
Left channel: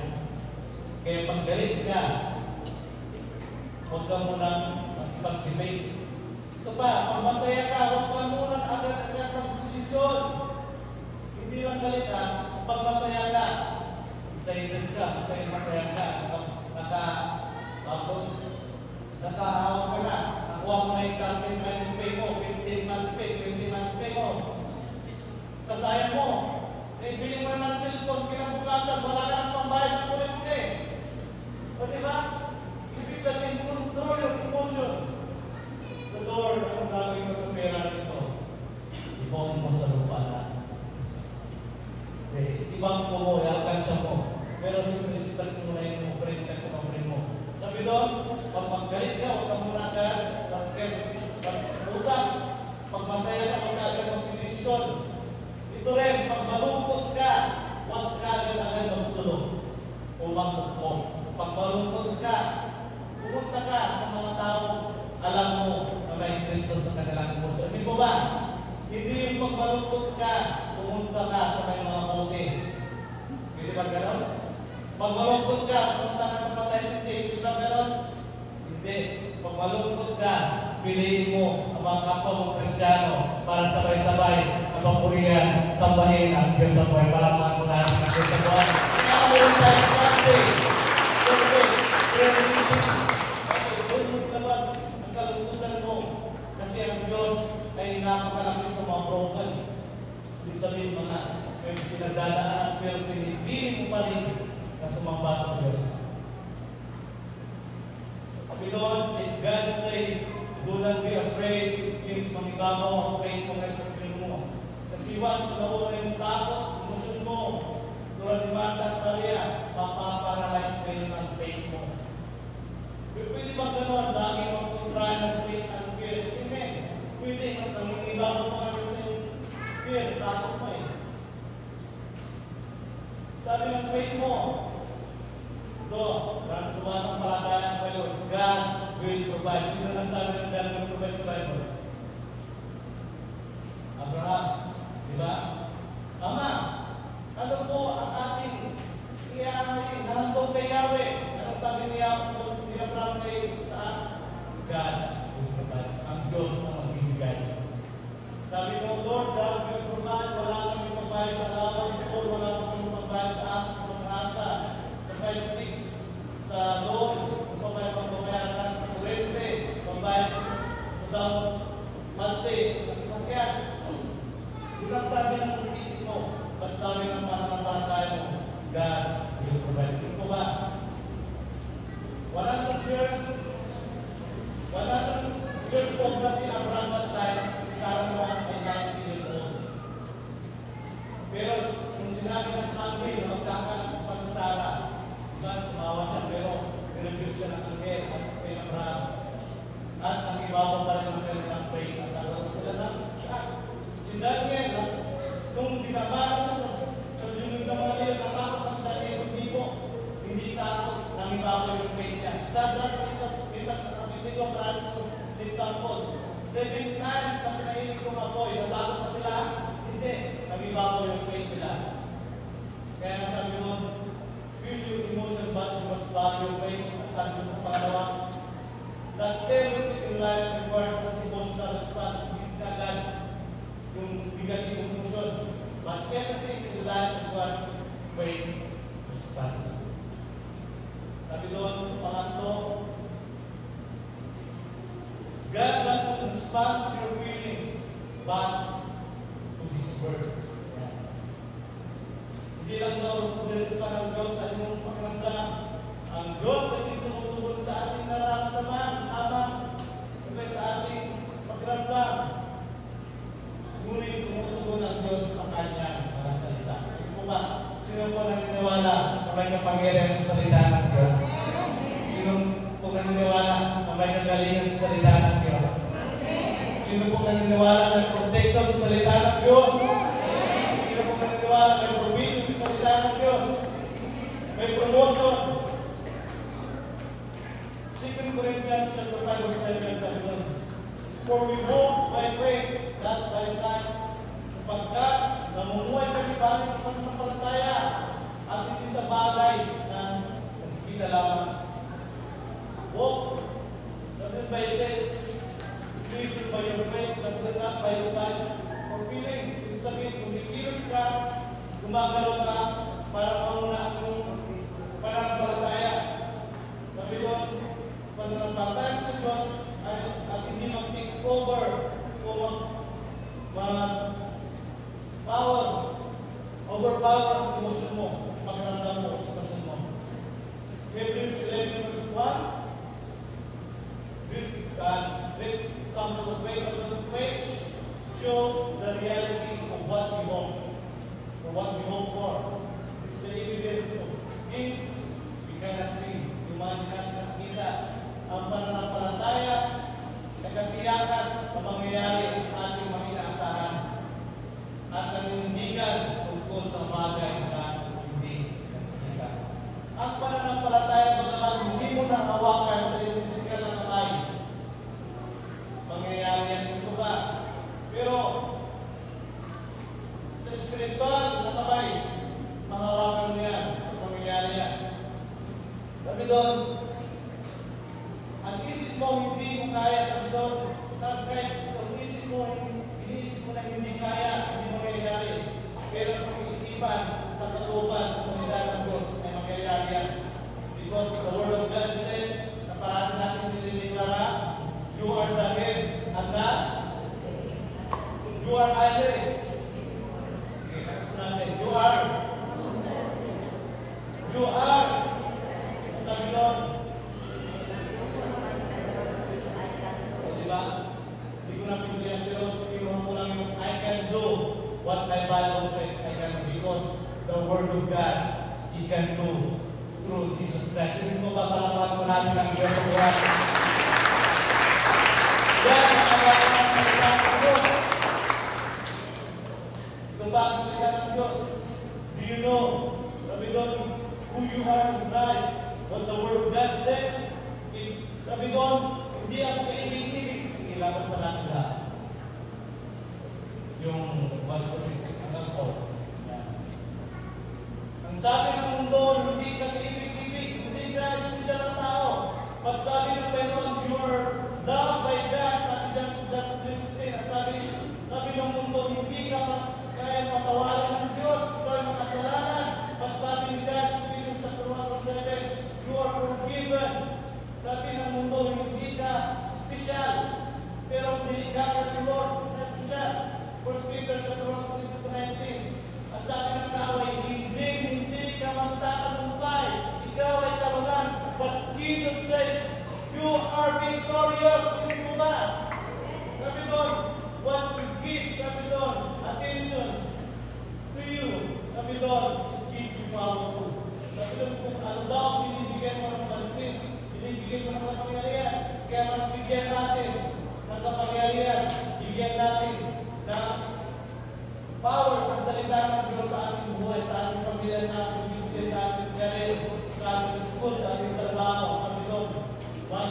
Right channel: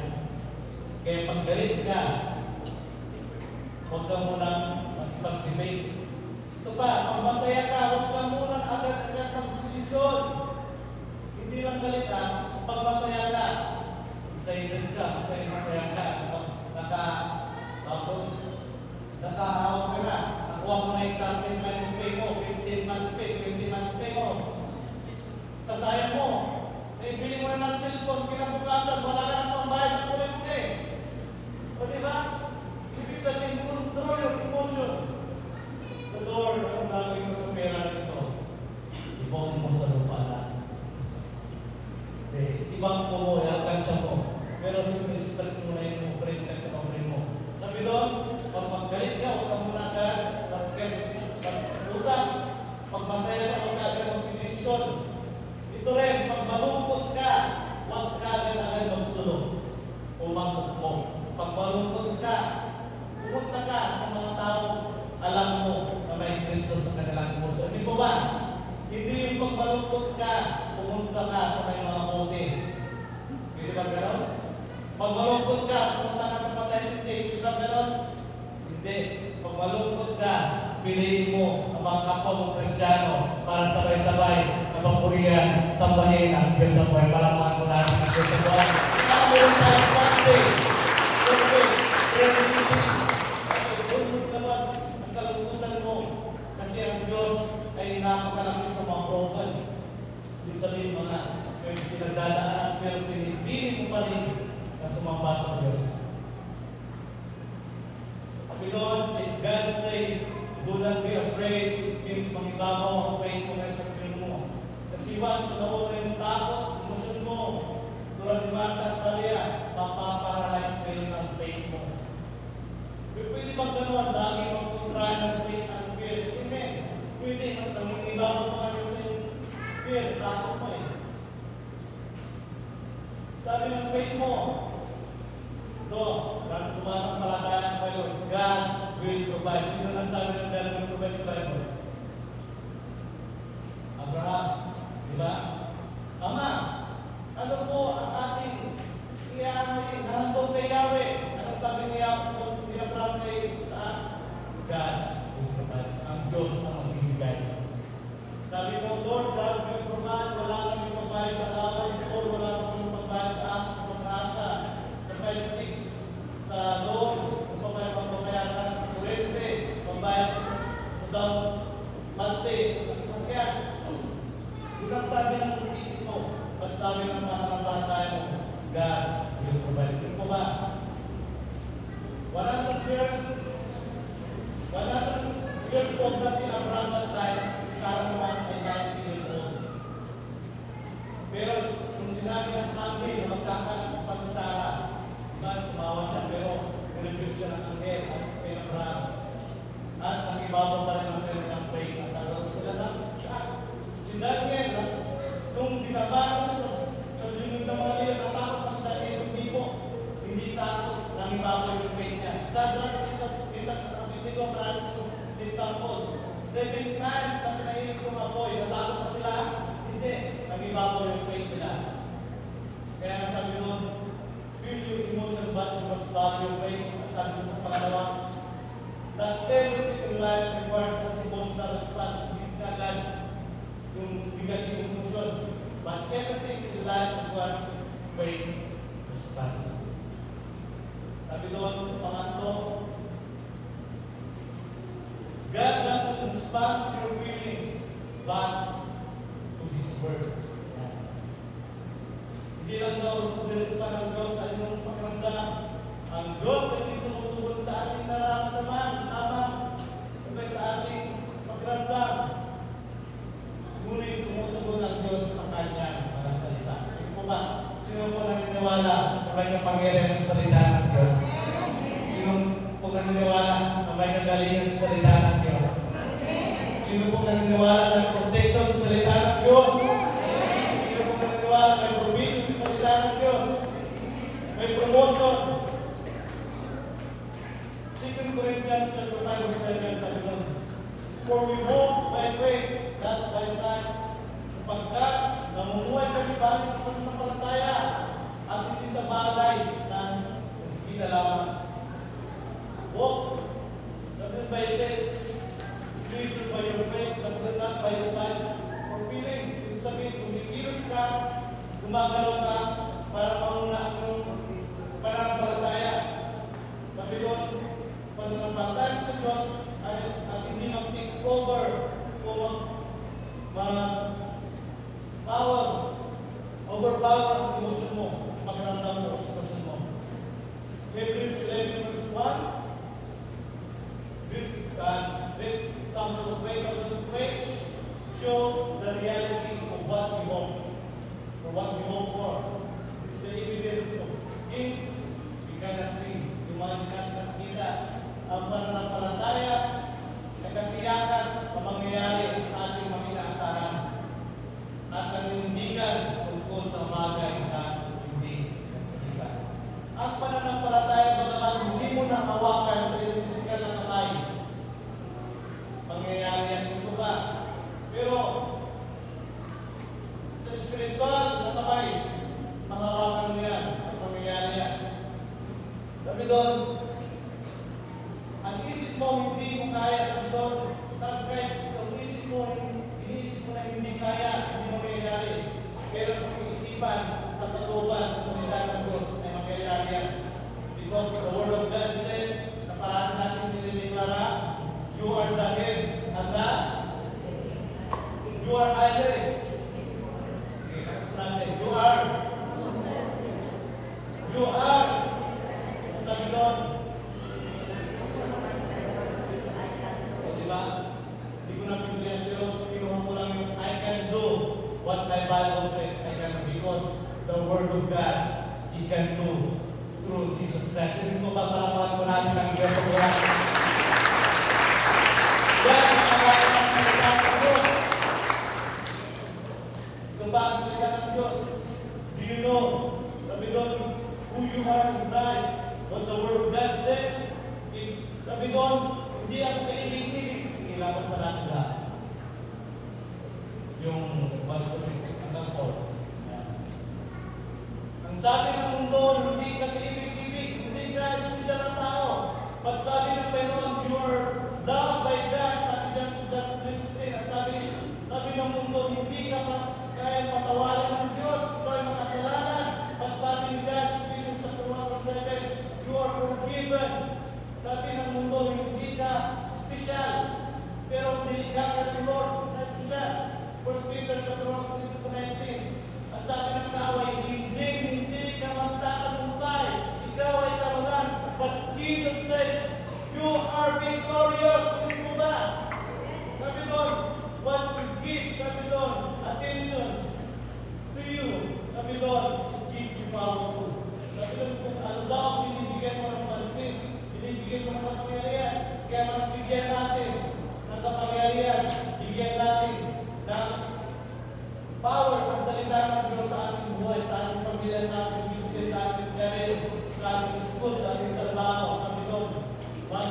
Kaya paggalit ka, huwag ka munang mag-debate. Ito pa, kung masaya ka, huwag ka munang agad-agad mag-desisyon. Hindi lang galit ka, pag masaya ka, excited ka, masaya ka, nakahawak ka na, nakuha mo na yung campaign month pay mo, 15 month pay, 20 month pay mo. Sasayang mo, bili mo na ng cellphone, kinabukasan, wala ka na pambayad ng kuryente. O diba? Ibig sabihin, control yung emotion. The Lord, ang gagawin mo sa pera nito, ibang mo sa lupa na. Ibang mo mo, lakansya mo. Pero siyempre, sitat mo na yung operate sa pamilya mo. Sabi doon, kapag galit ka, huwag ka muna ka, pag-usap, pag masaya ka, huwag ka agad mag-desisyon. Ito rin, pag malungkot ka, huwag ka agad magsulong. Umangkot mo. Pag malungkot ka, pumunta ka sa mga tao, alam mo na may Kristo sa kanilang puso. Hindi mo ba? Hindi yung pag malungkot ka, pumunta ka sa may mga bote. Hindi ba gano'n? Pag malungkot ka, pumunta ka sa Patay City. Hindi ba gano'n? Hindi. Pag malungkot ka, piliin mo ang mga kapwa ng Kristiyano para sabay-sabay na papurihan sa bahin at Diyos sa buhay para makatulad ng Diyos sa buhay. Kaya meron tayo Sunday. Kung labas ang kalungkutan mo kasi ang Diyos napakalapit sa mga broken. Ibig sabihin mo na, may pinagdadaan, pero pinipili mo pa rin na sumamba sa Diyos. Sabi doon, if God says, do not be afraid, means mangiba mo ang faithfulness sa Piliin mo. Kasi once na ako yung takot, emosyon mo, tulad ni Mata Talia, mapaparalyze kayo ng faith mo. Pwede ba gano'n? Lagi magputrahan ng faith at fear. Amen. Pwede, mas nangingibaw mo kami sa fear, takot mo eh. Sabi ng faith mo, ito, at sumasampalatayaan kayo, God will provide. Sino nang sabi ng God will provide sa Bible? Abraham, di ba? Ama, ano po ang ating iyanin? Nandong kay Yahweh. Anong sabi niya kung tinatawag kay saan? God will provide. Ang Diyos ang magbibigay. Sabi ng Lord, God will provide. Wala kami provide sa alam. Siguro wala kami provide sa asa, sa asa. Sa 5-6. Sa doon, magbabayaran sa kurente, magbabayad sa malte, sa sukyan. Ilang sabi ng isip mo, ba't sabi ng pananampalataya mo, God will provide. Yung kuma, 100 years old na si Abraham that time, Sarah naman ay 90 years old. Pero kung sinabi ng angel, magkakakas pa si Sarah, God tumawa siya, pero pinagpil siya ng angel kay Abraham. At ang ibabaw pa rin ang kanyang ang faith at naroon sila na siya. Si Daniel, nung binabasa sa lingid ng mga liyo, natakot pa si Daniel, hindi takot, nang ibabaw yung faith niya. Sadra, hindi ko marami kong example. 7 times na pinahilig kong apoy, natakot pa sila, hindi, nang ibabaw yung faith nila. Kaya nga sabi ko, feel your emotion but you must follow your faith. Sabi ko sa pangalawa, that everything in life requires an emotional response. Hindi ka lang yung negative emotion. But everything in life requires faith response. Sabi doon sa pangatlo, God must respond to your feelings back to His Word. Hindi lang daw mag-respond ng Diyos sa inyong pakiramdam. Ang Diyos ay hindi tumutugon sa ating nararamdaman habang sa ating pakiramdam. Ngunit tumutugon ang Diyos sa Kanyang mga salita. Ito ba? Sino po naniniwala na may kapangyarihan sa salita ng Diyos? Sino po naniniwala na may kagalingan sa salita ng Diyos? Sino po naniniwala na may protection sa salita ng Diyos? Sino po naniniwala na may provision sa salita ng Diyos? May promotion. 2 Corinthians 5:7 sabi doon, for we walk by faith, not by sight. Sapagkat namumuhay kami balik sa pananampalataya at hindi sa bagay na kita lamang. Walk, sabi by faith, squeezed by your faith, sabi not by sight. For feelings, yung sabihin, kung kikilos ka, gumagalaw ka, para mauna ang pananampalataya. Sabi doon, pananampalataya sa Diyos at hindi mag-take over overpower ang emotion mo, pakiramdam mo, emotion mo. Hebrews 11:1, some of the faith shows the reality of what we hope, or what we hope for. It's the evidence of things we cannot see. Yung mga hindi natin nakikita, ang pananampalataya, nagkatiyakan sa mangyayari ang ating mga inaasahan at nanindigan tungkol sa bagay na hindi nakikita. Ang pananampalataya bagaman hindi mo nang hawakan sa iyong pisikal na kamay, mangyayari yan ito ba? Pero sa spiritual na kamay, mahawakan mo yan, mangyayari yan. Sabi doon, ang isip mo hindi mo kaya, sabi doon, sa faith, ang isip mo na hindi kaya, hindi mo mangyayari. Pero sa pag-isipan, sa katuban, sa salita ng Diyos, ay mangyayari yan. Because the Word of God says, na parang natin nililita, you are the head and not You are either. Okay, let's translate. You are. Ang sabi doon, diba? Hindi ko na pinigyan, pero kinuha ko lang yung I can do what my Bible says I can do because the Word of God, He can do through Jesus Christ. Hindi ko ba palapakan ko natin ang Diyos ko lang? Yan ang nakagawa ng salita ng Diyos. Ito ba ang salita ng Diyos? Do you know, sabi doon, who you are in Christ, what the Word of God says? Sabi doon, hindi ako kaibig-ibig. Sige, lakas pa natin lahat. Yung pag-tuloy hanggang 4. Ang sabi ng mundo, hindi ka kaibig-ibig, hindi ka espesyal na tao. At sabi ng Panginoon, you are loved by God. Sabi dyan sa John 3:16. At sabi ng mundo, hindi ka kaya patawalan ng Diyos. Ikaw ay makasalanan. At sabi ni God, Ephesians 2:7, you are forgiven. Sabi ng mundo, hindi ka espesyal. Pero hindi ka ng Lord na espesyal. 1 Peter 2:19. At sabi ng tao ay hindi ka magtatagumpay. Ikaw ay kalungan. But Jesus says, you are victorious. Kung ba? Sabi doon, what to give, sabi doon, attention to you. Sabi doon, give you power. Sabi doon, kung ano daw, binibigyan mo ng pansin, binibigyan mo ng kapangyarihan. Kaya mas bigyan natin ng kapangyarihan. Bigyan natin ng power ang salita ng Diyos sa ating buhay, sa ating pamilya, sa ating business, sa ating career, sa ating school, sa ating trabaho. Sabi doon, mas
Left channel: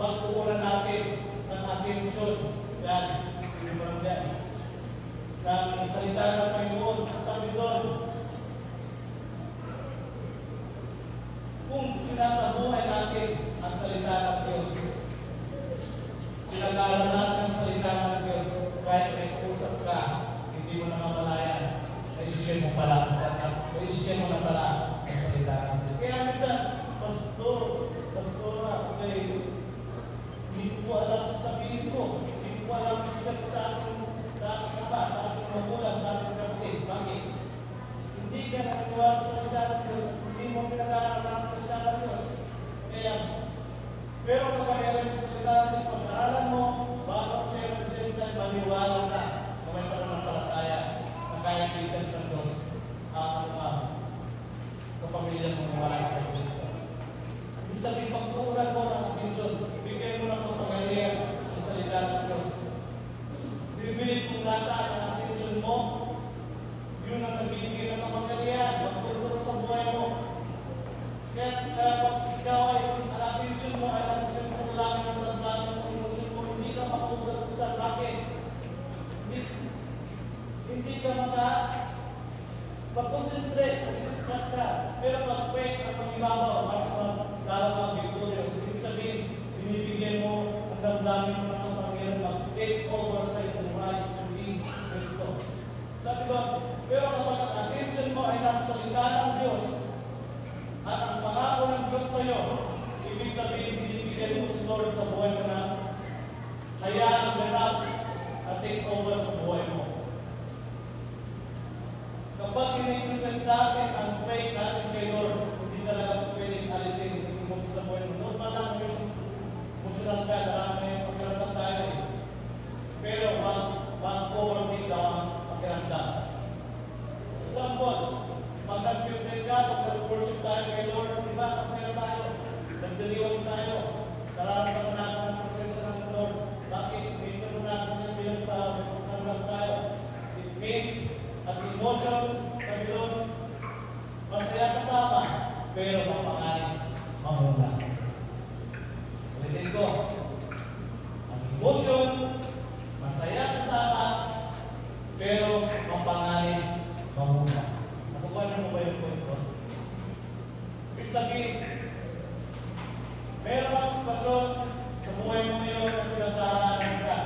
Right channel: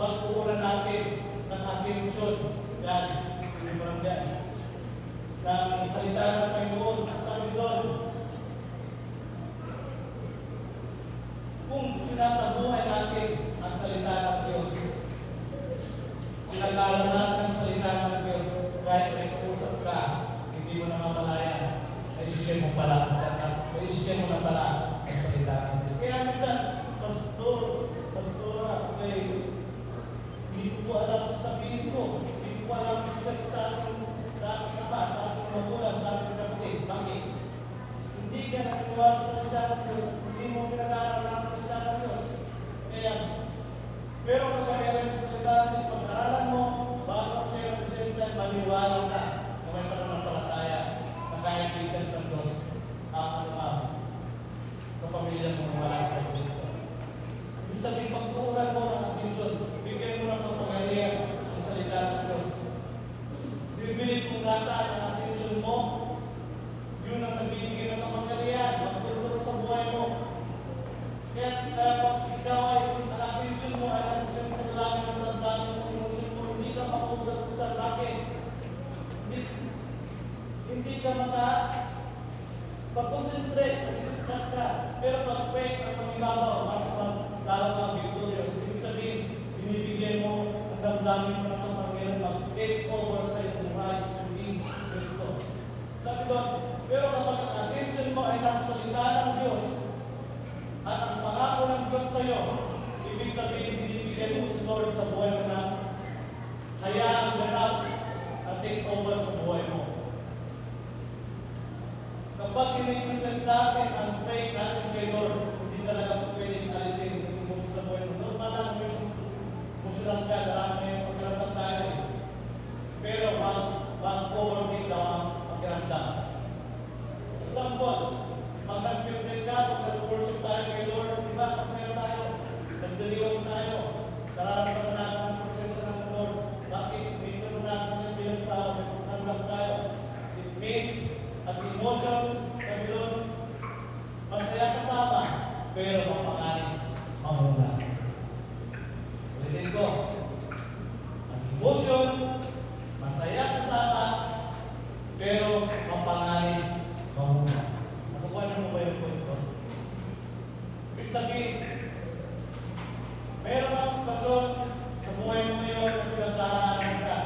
pagpupuran natin ng attention. Yan, sinimulan yan. Ng salita ng Panginoon, sabi doon, kung sinasabuhay natin ang salita ng Diyos, sinagalan natin ang salita ng Diyos, kahit may usap ka, hindi mo na mamalayan, desisyon mo pala ang salita ng Diyos. Kaya minsan, pastora, hindi ko alam sabihin ko, hindi ko alam sa aking iba, sa aking magulang, sa aking kapatid. Bakit? Hindi ka naniwala sa salita ng Diyos, hindi mo pinag-aaral ang salita ng Diyos. Kaya, pero kapag sa salita ng Diyos, pag-aaralan mo, baka sa same time, maniwala ka na may pananampalataya na kaya bigkas ng Diyos sa pamilya mo maniwala ng Diyos. Ibig sabihin, pagkukuran mo ng attention, bigyan mo ng kapangyarihan ang salita ng Diyos. Bibigyan kung nasaan ang attention mo, yun ang nagbibigay ng kapangyarihan, magtuturo sa buhay mo. Kaya pag ikaw ay ang attention mo ay nasa sentral lang yung damdamin mo, emosyon mo, hindi ka makusap-usap. Bakit? Hindi ka mag-concentrate, nag-distract ka. Pero pag-pray ang pangibabaw, mas lalong kang victorious. Ibig sabihin, binibigyan mo ang damdamin mo ng kapangyarihan, mag-take over sa iyong buhay, hindi Kristo. Sabi doon, pero kapag ang attention mo ay nasa salita ng Diyos, at ang pangako ng Diyos sa iyo, ibig sabihin, binibigay mo sa Lord sa buhay mo na hayaan ganap at take over sa buhay mo. Kapag in-exercise natin ang faith natin kay Lord, hindi talaga po pwedeng alisin, hindi mo sa buhay mo. Doon pala kami emotional ka, marami na yung pagkaramdam tayo. Pero mag-overbeat daw ang pagkaramdam. Example, pag nag-prepare ka, pag nag-worship tayo kay Lord, di ba? Masaya tayo, nagdaligaw tayo, nararamdaman natin ang presensya ng Lord. Bakit? Nature natin yung bilang tao, pagkaramdam tayo. It means, emotion, kami doon, masaya kasama, pero mapanganin, mamula. Ulitin ko, ang emotion, masaya kasama, pero mapanganin, mamula. Nakukuha mo ba yung punto? Ibig sabihin, meron ang sitwasyon sa buhay mo ngayon at pinagdaraanan ka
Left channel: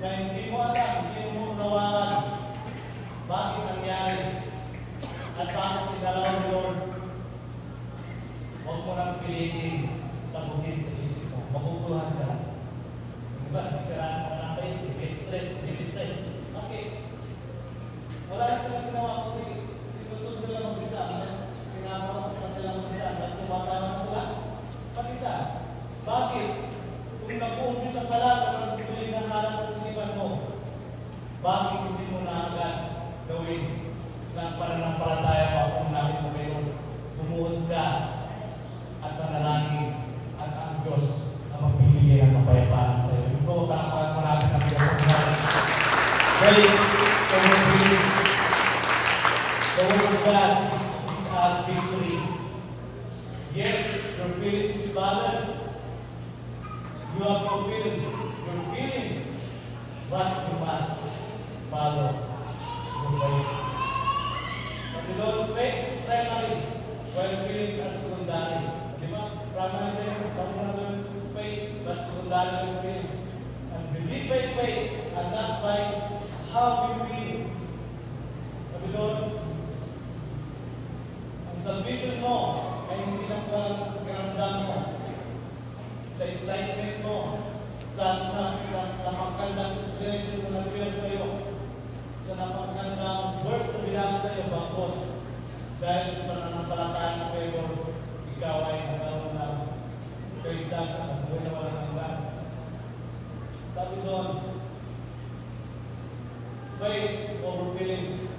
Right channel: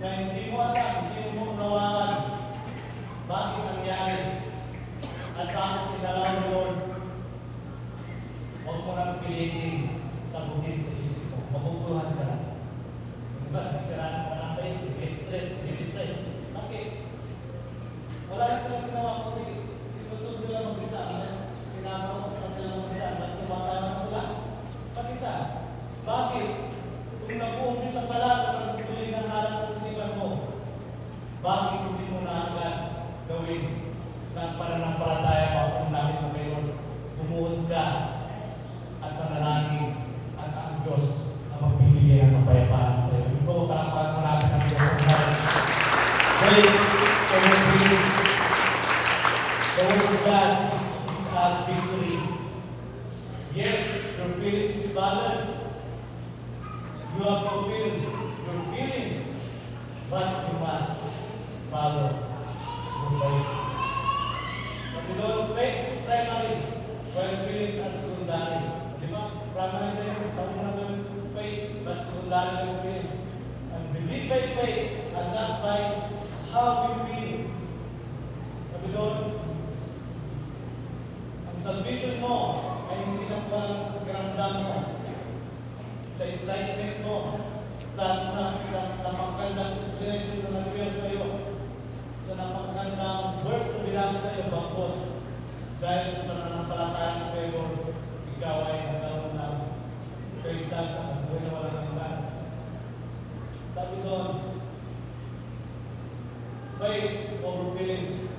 na hindi mo alam, hindi mo unawakan. Bakit nangyari? At bakit tinalaw ni Lord? Huwag mo nang pilitin sa bukid sa isip mo. Maguguluhan ka lang. Diba? Sisiraan mo lang kayo. Stress, stress. Pray for your feelings. The word of God gives us victory. Yes, your feelings is valid. You have fulfilled your feelings, but you must follow the way. But you don't pray, it's primary, while feelings are secondary. Di ba? Primary din, pag-unang faith, but secondary yung feelings. And believe by faith, and not by how we feel. Sabi doon, ang salvation mo ay hindi na po alam sa pakiramdam mo, sa excitement mo, sa napakagandang inspiration ng Diyos sa iyo, sa napakagandang verse na binasa sa iyo, bakos, dahil sa pananampalataya mo kayo, ikaw ay nagkaroon na kayo sa buhay na malananggan. Sabi doon, faith over feelings.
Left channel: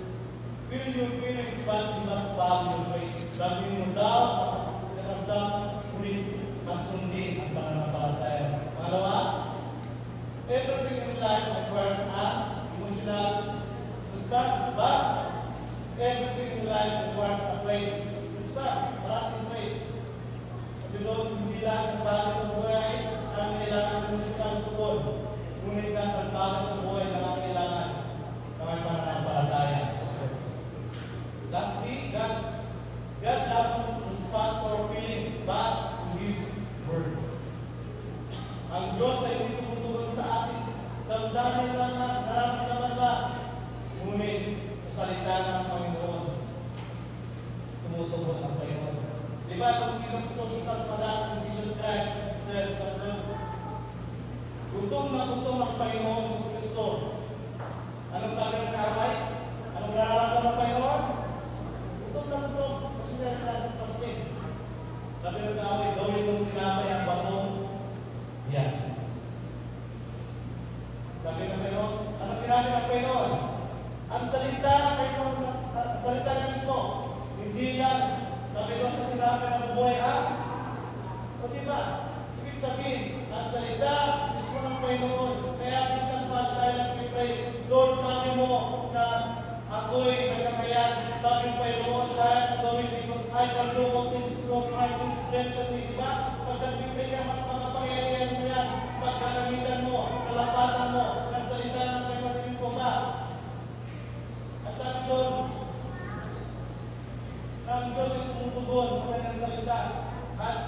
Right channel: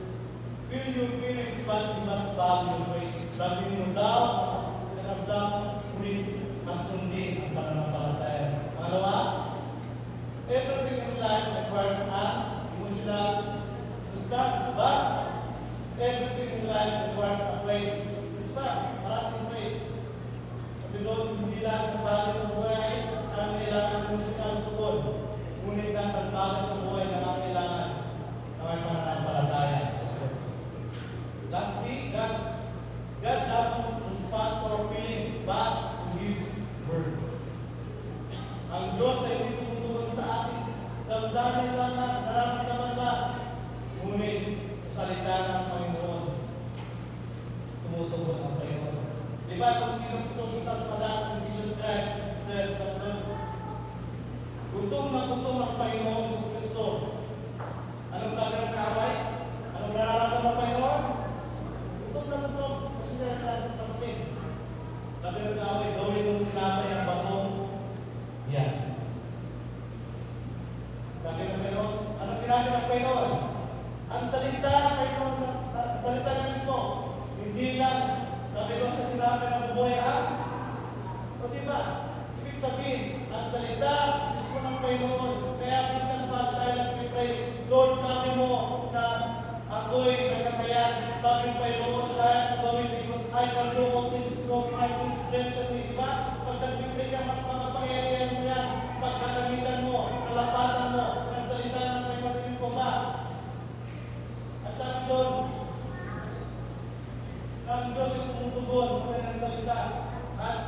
Feel your feelings, but you must value your faith. Sabi mo daw, kanamdam, ulit, mas hindi ang pananampalataya. Pangalawa, everything in life requires an emotional response, but everything in life requires a faith response. Maraming faith. Sabi doon, hindi lang kasalanan sa buhay ang kailangan ng emotional tukod. Ngunit ang pagbago sa buhay na ang kailangan na may pananampalataya. Lastly, God doesn't respond to our feelings, but to His Word. Ang Diyos ay nagtutulungan sa atin. Damdamin lang na, nararamdaman lang. Ngunit sa salita ng Panginoon, tumutugon ang Panginoon. Di ba kung pinagsusunod sa pag-asa ng Jesus Christ, said of God, gutom na gutom ang Panginoon sa Kristo. Anong sabi ng kaaway? Anong nararamdaman ng Panginoon? Gutom na gutom. Kasi niya ang paskin. Sabi ng kaaway, gawin mong tinapay ang bato. Yan. Sabi ng Panginoon, anong ginagawa ng Panginoon? Ang salita ng Panginoon, ang salita ng Kristo, hindi lang, sabi ko sa tinapay ng buhay, o diba? Ibig sabihin, ang salita, gusto ng Panginoon. Kaya minsan pa tayo nagpipray, Lord, sabi mo na ako'y nagkakayan. Sabi ng Panginoon, kaya gawin because I can do all things through Christ who strengthens me. Diba? Pag nagpipray ka, mas makapangyarihan mo yan. Pag gagamitan mo, kalapatan mo, ang salita ng Panginoon ko ba? At sabi doon, ang Diyos ay tumutugon sa kanyang salita. At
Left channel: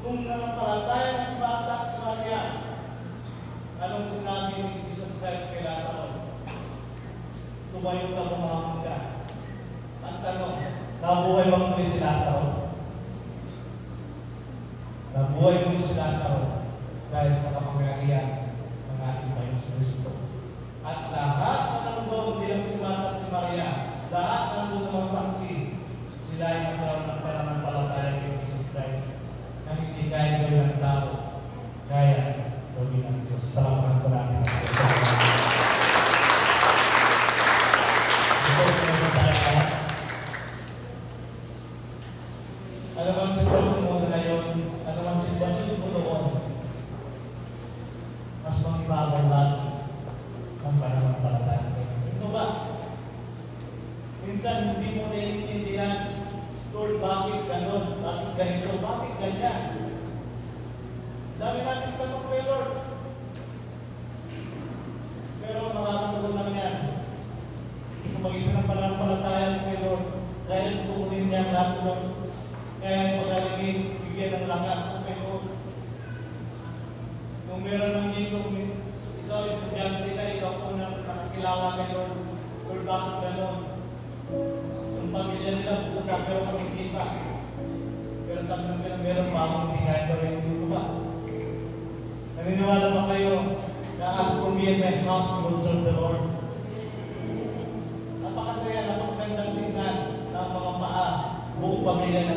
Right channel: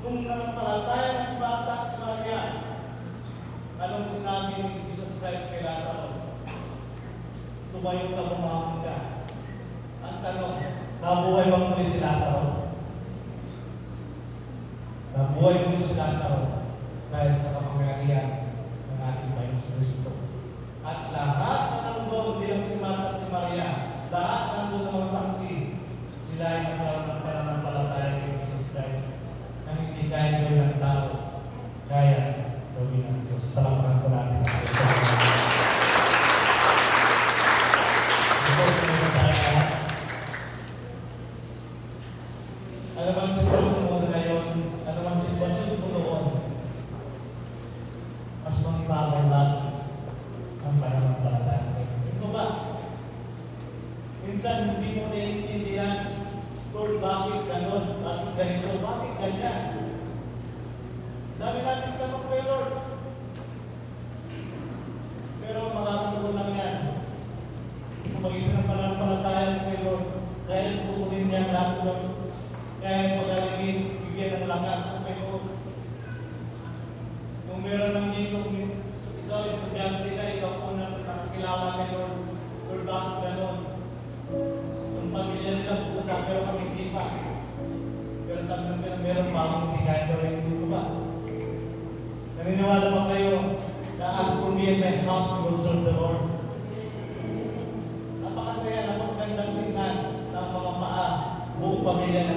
kung nanampalataya si Martha at si Maria, anong sinabi ni Jesus Christ kay Lazaro? Tumayo ka, bumangon ka. At nabuhay ba mo si Lazaro? Nabuhay mo si Lazaro dahil sa kapangyarihan ng ating Panginoon sa Kristo. At lahat ng doon din si Martha at si Maria, lahat ng doon ng saksi, sila ay nagkaroon ng pananampalataya ni Jesus Christ. Na hindi kaya gawin ng tao, kaya gawin ng Diyos. Salamat po natin. Ito po yung talaga. Ano bang sitwasyon mo na ngayon? Ano bang sitwasyon mo noon? Mas magbagal lang ang pananampalataya. Ito ba? Minsan hindi mo naiintindihan, Lord, bakit gano'n? Bakit ganito? Bakit ganyan? Dami natin tanong kay Lord. Pero makakataon lang yan. Kung magiging ng pananampalataya kay Lord, dahil tutunin niya natin, kaya paglalagay, bigyan ng lakas kay Lord. Kung meron lang dito, ito ay estudyante ka, ikaw po nang nakakilala kay Lord. Lord, bakit gano'n? Ang pamilya nila, pupunta pero kami hindi pa. Pero sa amin meron pa akong hindi kaya gawin dito ba? Naniniwala pa kayo na as for me and my house will serve the Lord. Napakasaya na magandang tingnan ng mga paa, buong pamilya na